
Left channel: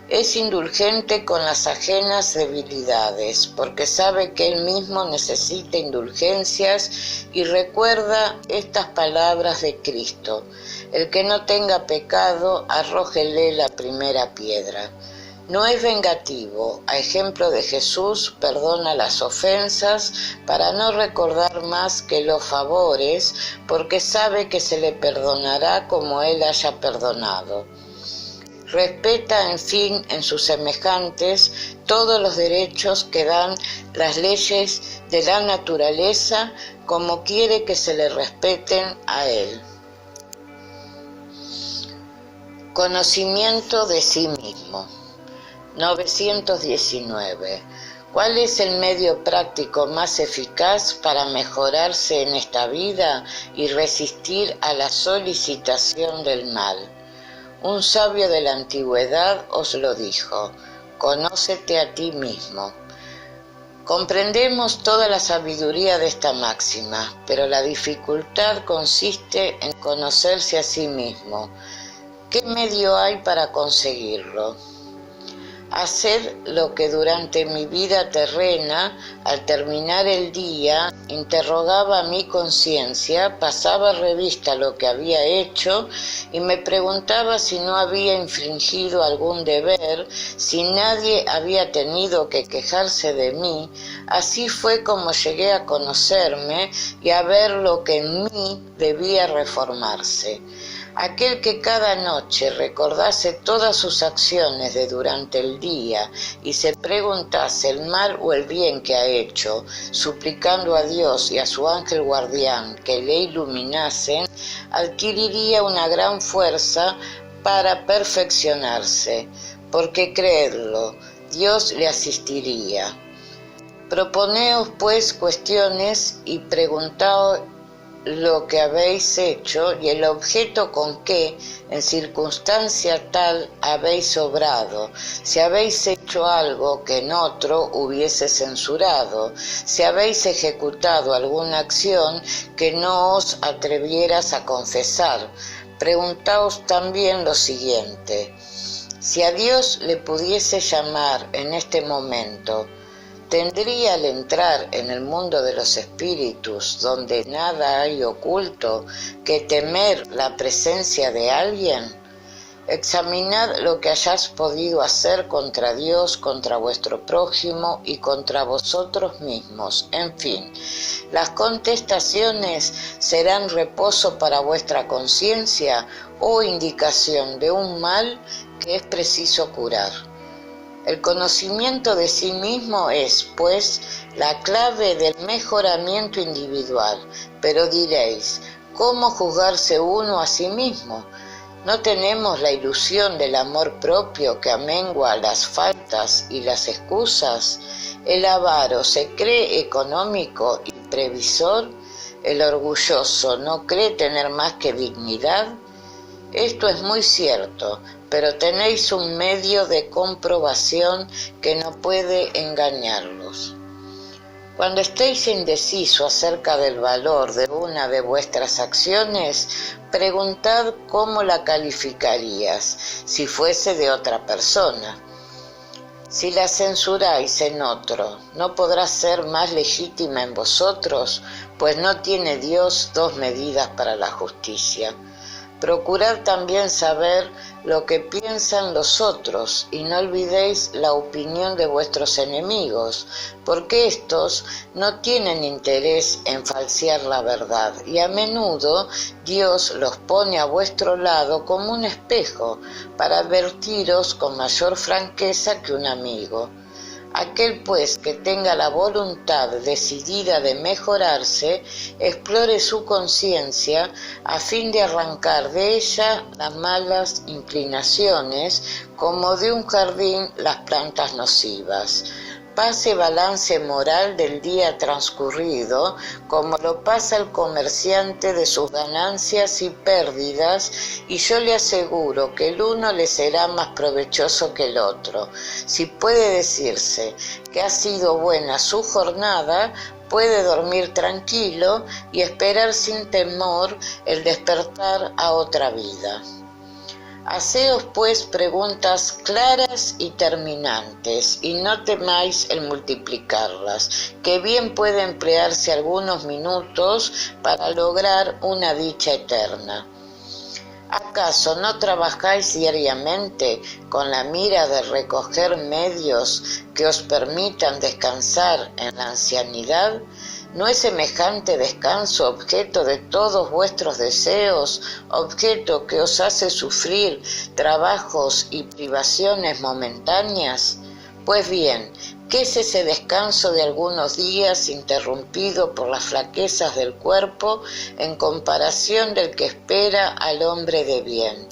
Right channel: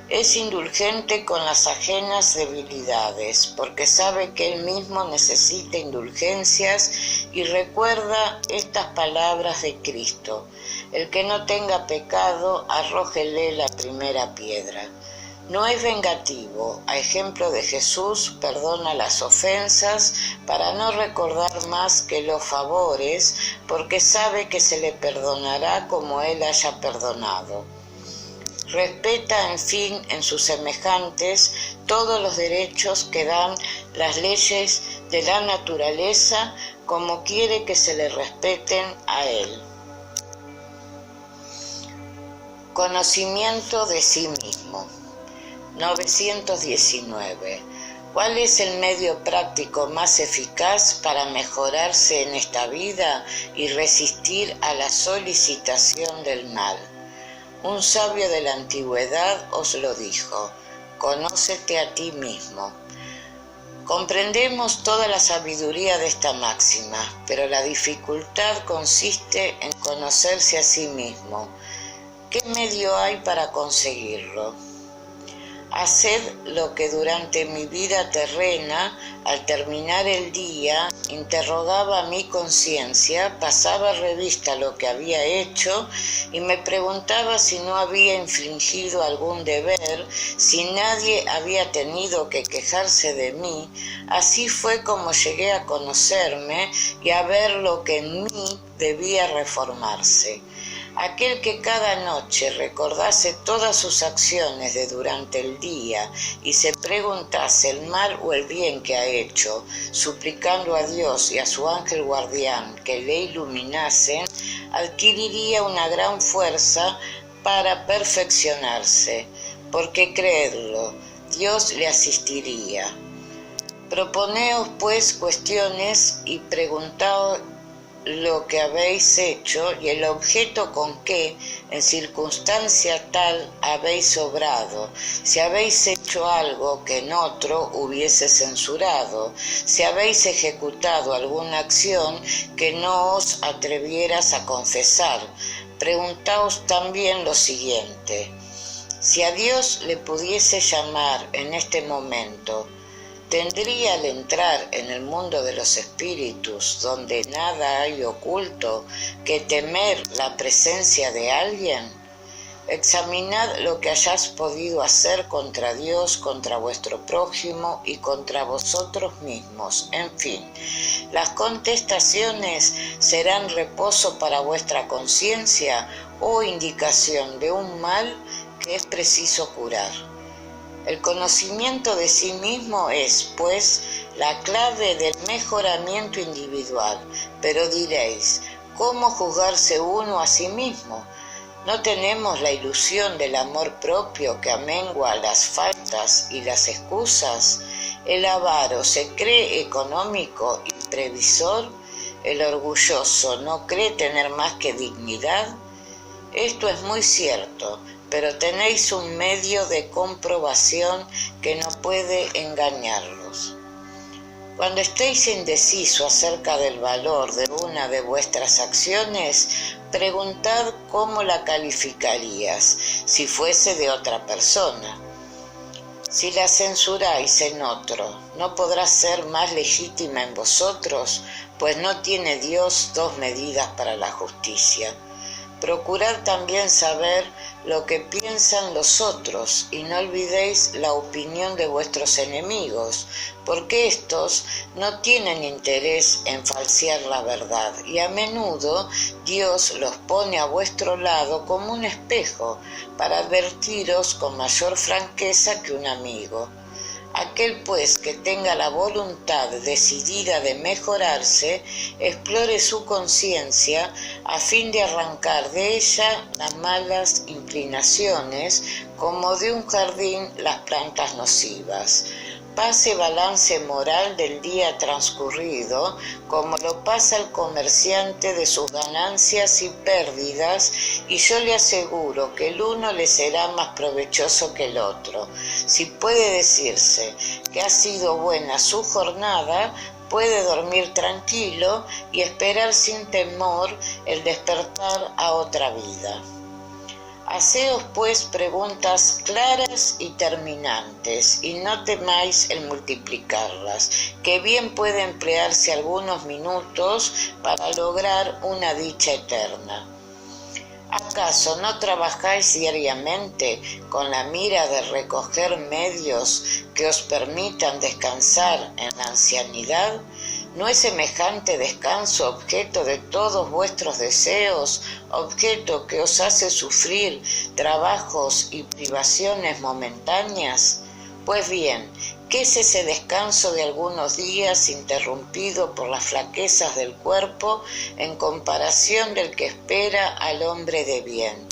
Es indulgente con las ajenas debilidades, porque sabe que él mismo necesita indulgencias y recuerda estas palabras de Cristo: el que no tenga pecado, arrójele la primera piedra. No es vengativo, a ejemplo de Jesús, perdona las ofensas para no recordar más que los favores, porque sabe que se le perdonará como él haya perdonado. Respeta, en fin, en sus semejantes todos los derechos que dan las leyes de la naturaleza, como quiere que se le respeten a él. Conocimiento de sí mismo. 919. ¿Cuál es el medio práctico más eficaz para mejorarse en esta vida y resistir a la solicitación del mal? Un sabio de la antigüedad os lo dijo: conócete a ti mismo. Comprendemos toda la sabiduría de esta máxima, pero la dificultad consiste en conocerse a sí mismo. ¿Qué medio hay para conseguirlo? Haced lo que durante mi vida terrena, al terminar el día, interrogaba mi conciencia, pasaba revista lo que había hecho y me preguntaba si no había infringido algún deber, si nadie había tenido que quejarse de mí. Así fue como llegué a conocerme y a ver lo que en mí debía reformarse. Aquel que cada noche recordase todas sus acciones de durante el día y se preguntase el mal o el bien que ha hecho, suplicando a Dios y a su ángel guardián que le iluminasen, adquiriría una gran fuerza para perfeccionarse, porque creedlo, Dios le asistiría. Proponeos pues cuestiones y preguntaos lo que habéis hecho y el objeto con que, en circunstancia tal, habéis obrado, si habéis hecho algo que en otro hubiese censurado, si habéis ejecutado alguna acción que no os atrevieras a confesar. Preguntaos también lo siguiente: si a Dios le pudiese llamar en este momento, ¿tendría al entrar en el mundo de los espíritus, donde nada hay oculto, que temer la presencia de alguien? Examinad lo que hayáis podido hacer contra Dios, contra vuestro prójimo y contra vosotros mismos. En fin, las contestaciones serán reposo para vuestra conciencia o indicación de un mal que es preciso curar. El conocimiento de sí mismo es, pues, la clave del mejoramiento individual. Pero diréis, ¿cómo juzgarse uno a sí mismo? ¿No tenemos la ilusión del amor propio que amengua las faltas y las excusas? ¿El avaro se cree económico y previsor? ¿El orgulloso no cree tener más que dignidad? Esto es muy cierto, pero tenéis un medio de comprobación que no puede engañarlos. Cuando estéis indeciso acerca del valor de una de vuestras acciones, preguntad cómo la calificarías si fuese de otra persona. Si la censuráis en otro, ¿no podrá ser más legítima en vosotros? Pues no tiene Dios dos medidas para la justicia. Procurad también saber lo que piensan los otros y no olvidéis la opinión de vuestros enemigos, porque éstos no tienen interés en falsear la verdad y a menudo Dios los pone a vuestro lado como un espejo para advertiros con mayor franqueza que un amigo. Aquel pues que tenga la voluntad decidida de mejorarse, explore su conciencia a fin de arrancar de ella las malas inclinaciones, como de un jardín las plantas nocivas. Pase balance moral del día transcurrido, como lo pasa el comerciante de sus ganancias y pérdidas, y yo le aseguro que el uno le será más provechoso que el otro. Si puede decirse que ha sido buena su jornada, puede dormir tranquilo y esperar sin temor el despertar a otra vida. Haceos pues preguntas claras y terminantes, y no temáis el multiplicarlas, que bien puede emplearse algunos minutos para lograr una dicha eterna. ¿Acaso no trabajáis diariamente con la mira de recoger medios que os permitan descansar en la ancianidad? ¿No es semejante descanso objeto de todos vuestros deseos, objeto que os hace sufrir trabajos y privaciones momentáneas? Pues bien, ¿qué es ese descanso de algunos días interrumpido por las flaquezas del cuerpo en comparación del que espera al hombre de bien?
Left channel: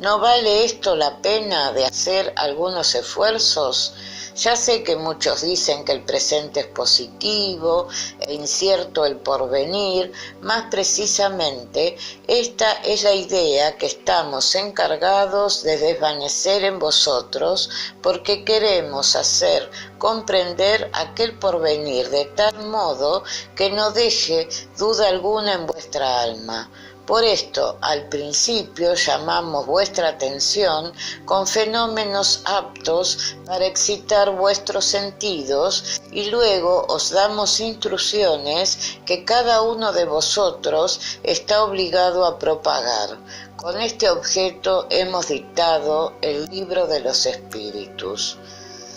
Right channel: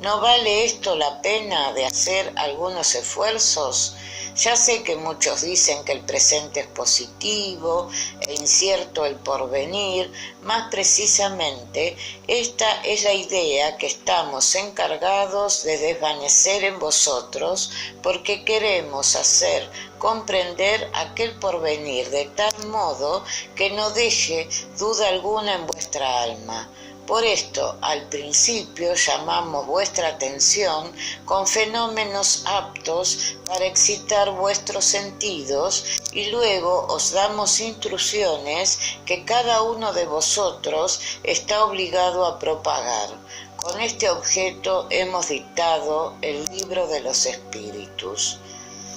¿No vale esto la pena de hacer algunos esfuerzos? Ya sé que muchos dicen que el presente es positivo e incierto el porvenir, más precisamente esta es la idea que estamos encargados de desvanecer en vosotros, porque queremos hacer comprender aquel porvenir de tal modo que no deje duda alguna en vuestra alma. Por esto, al principio llamamos vuestra atención con fenómenos aptos para excitar vuestros sentidos y luego os damos instrucciones que cada uno de vosotros está obligado a propagar. Con este objeto hemos dictado el libro de los espíritus.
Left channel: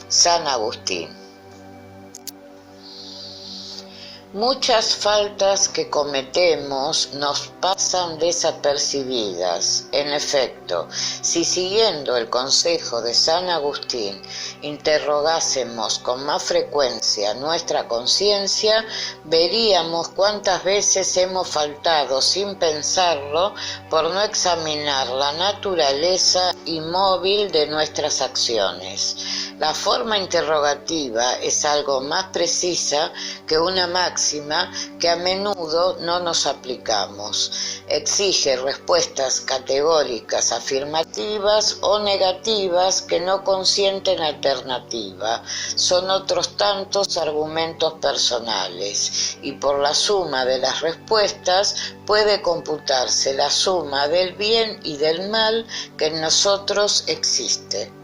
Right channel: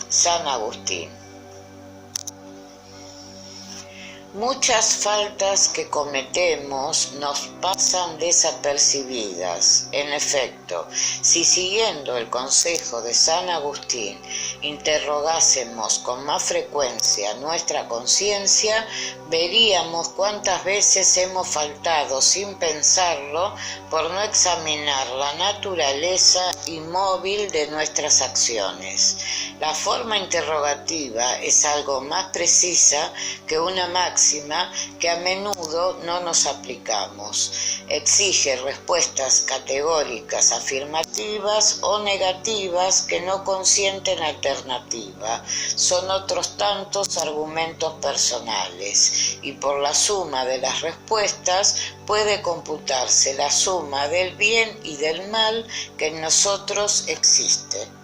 San Agustín. Muchas faltas que cometemos nos pasan desapercibidas. En efecto, si siguiendo el consejo de San Agustín interrogásemos con más frecuencia nuestra conciencia, veríamos cuántas veces hemos faltado sin pensarlo por no examinar la naturaleza inmóvil de nuestras acciones. La forma interrogativa es algo más precisa que una máxima que a menudo no nos aplicamos. Exige respuestas categóricas, afirmativas o negativas que no consienten alternativa. Son otros tantos argumentos personales y por la suma de las respuestas puede computarse la suma del bien y del mal que en nosotros existe.